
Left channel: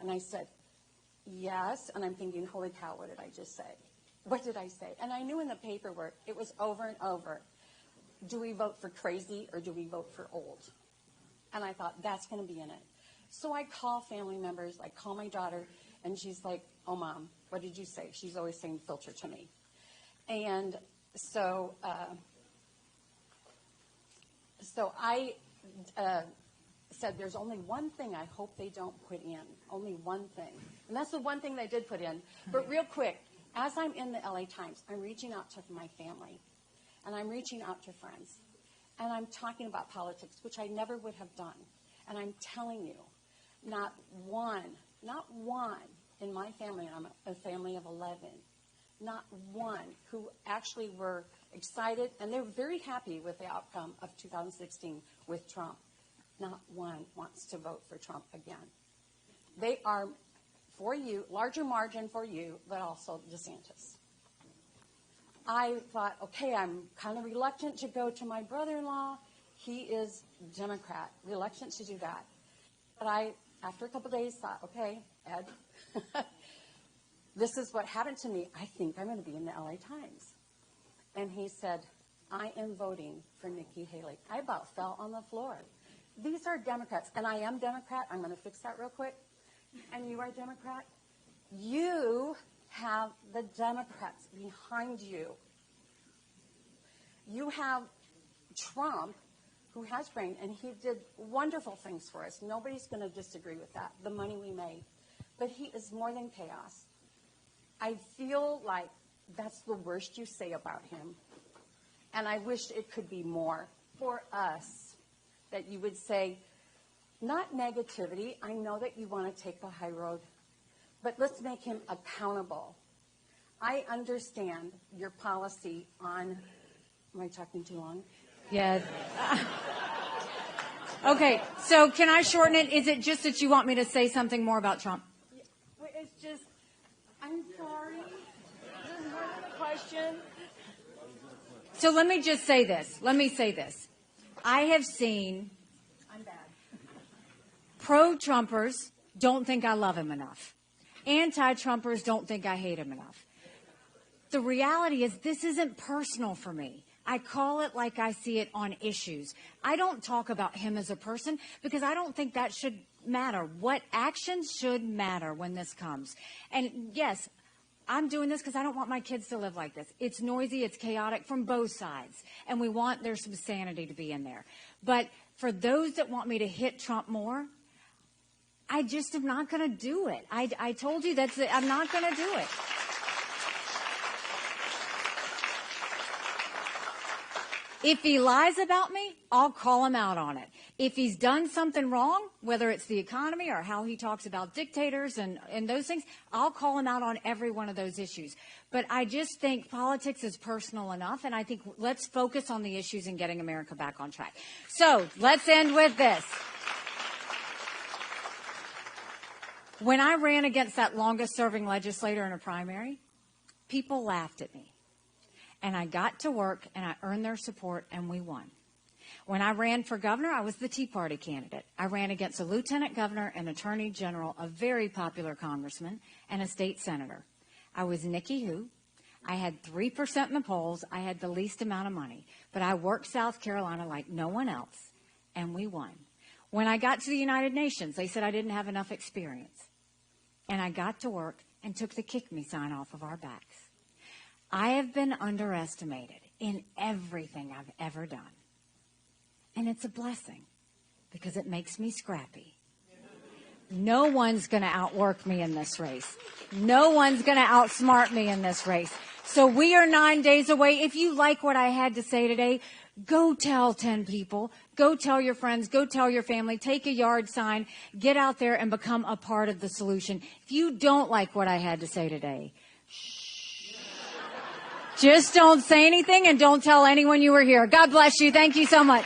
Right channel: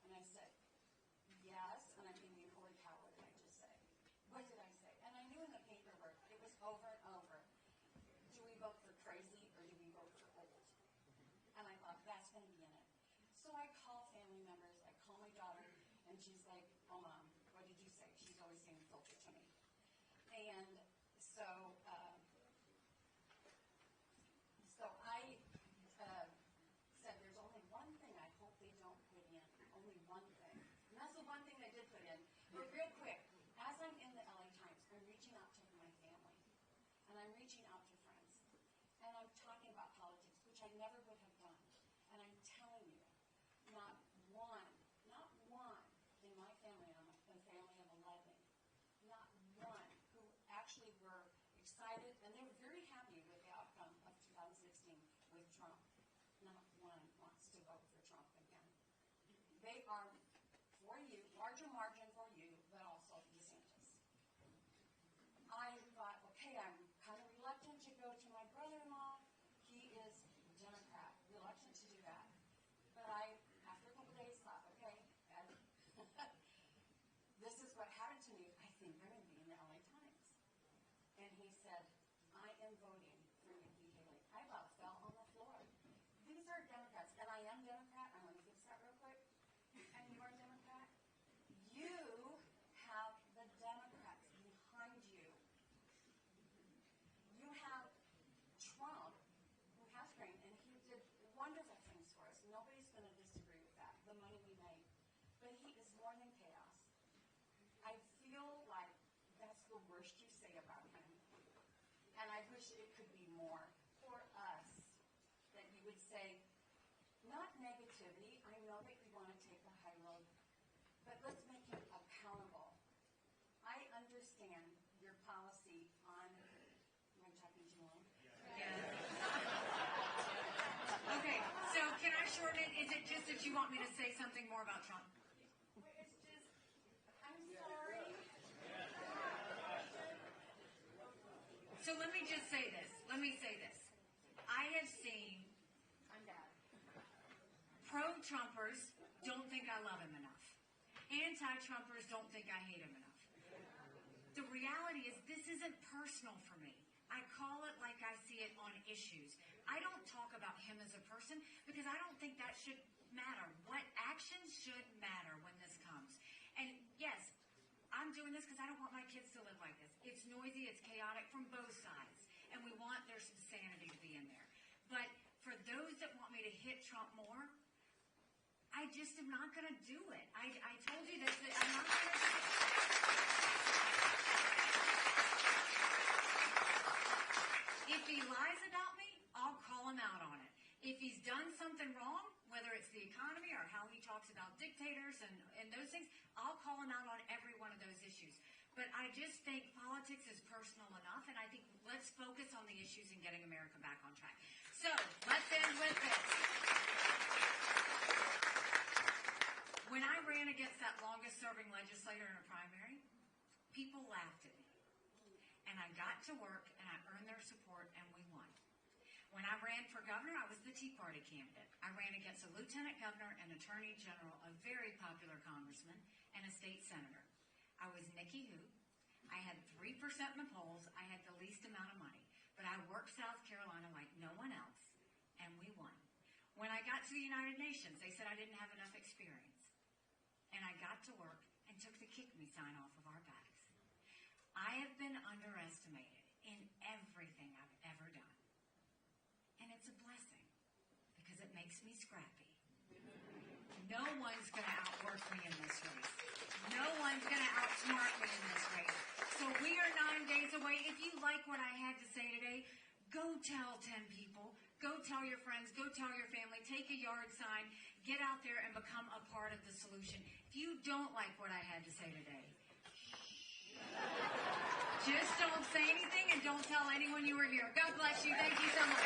And I said, yes. And I'm thinking, holy cow, what did I just say? What did I say? And I knew in the paperwork, it was over and over. Do we vote for crazy or do we vote for old? And I thought, that's going to be in it. So I call family members. I call my daughter, and she's like, oh, Mom, what did you say? She's always saying filter to me. And so So I said there's only one thing I hope they don't put in, only one thing. And that's the one thing they did put in. But real quick, as I'm in the LA Times, I'm reaching out to my family, and I'm reaching out to friends, and I'm talking about politics, which I never would have done. And I'm telling you, not one in my family, and I'm a family of 11, not one who actually were excited, and they're very happy with the outcome of 2016 with Trump. Not one wants to vote for Trump again. They are for you, larger margin for you, but also DeSantis. I thought, okay, I'm kind of reluctant to go to my brother-in-law. He is Democrat, reluctant to do that. But I, after a couple of days, thought, okay, Ed, this is what happened to me. I think I'm going to be in the LA Times. And he said, I am voting for Nikki Haley. I about fell on the floor. These are Democrats, and I am Democrat. I'm going to fix that real quick. And you are Democrat. You have the Democrats behind you. You have Trump, who has brain, and he did wonderful things for us. Nobody's going to disagree with that, the money we made. But he is more than chaos. I feel like that's the worst you say about him. And I wish it could be more for us, that you would say, not negativity. I know that you want to take the high road, but let's make him accountable. I understand your policy on, am I talking too long? Yes. Okay, so can I shorten it? Is it just that you want me to say something more about Trump? It's just, I'm sorry. There's more than a question. So let me just say this. I have seen pro-Trumpers don't think I love him enough. Anti-Trumpers don't think I hate him enough. The reality is this isn't personal for me. I call it like I see it on issues. I don't talk about him as a person because I don't think that should matter. What actions should matter when this comes? And yes, I'm doing this because I don't want my kids to live like this. It's noisy, it's chaotic from both sides. And we want there's some sanity to be in there. But for those that want me to hit Trump more, I just am not going to do it. I told you I'm not going to do it. If he lies about me, I'll call him out on it. If he's done something wrong, whether it's the economy or how he talks about dictators and those things, I'll call him out on every one of those issues. But I just think politics is personal enough, and I think let's focus on the issues and getting America back on track. So let's end with this. When I ran against that longest-serving legislator in a primary, people laughed at me. And I got to work, and I earned their support, and we won. When I ran for governor, I was the Tea Party candidate. I ran against a lieutenant governor, an attorney general, a very popular congressman, and a state senator. I was Nikki Who. I had 3% in the polls. I had the least amount of money. But I worked South Carolina like no one else, and we won. When I got to the United Nations, they said I didn't have enough experience. And I got to work and took the kick me sign off of our backs. I have been underestimated in everything I've ever done. And it's a blessing because it makes me scrappy. No one's going to outwork me in this race. No one's going to outsmart me in this race. So we are 9 days away. If you like what I had to say today, go tell 10 people. Go tell your friends. Go tell your family. Take a yard sign. Get out there and become a part of the solution. If you don't like what I had to say today, just don't say anything and don't tell anyone you were here. God bless you. Thank you so much.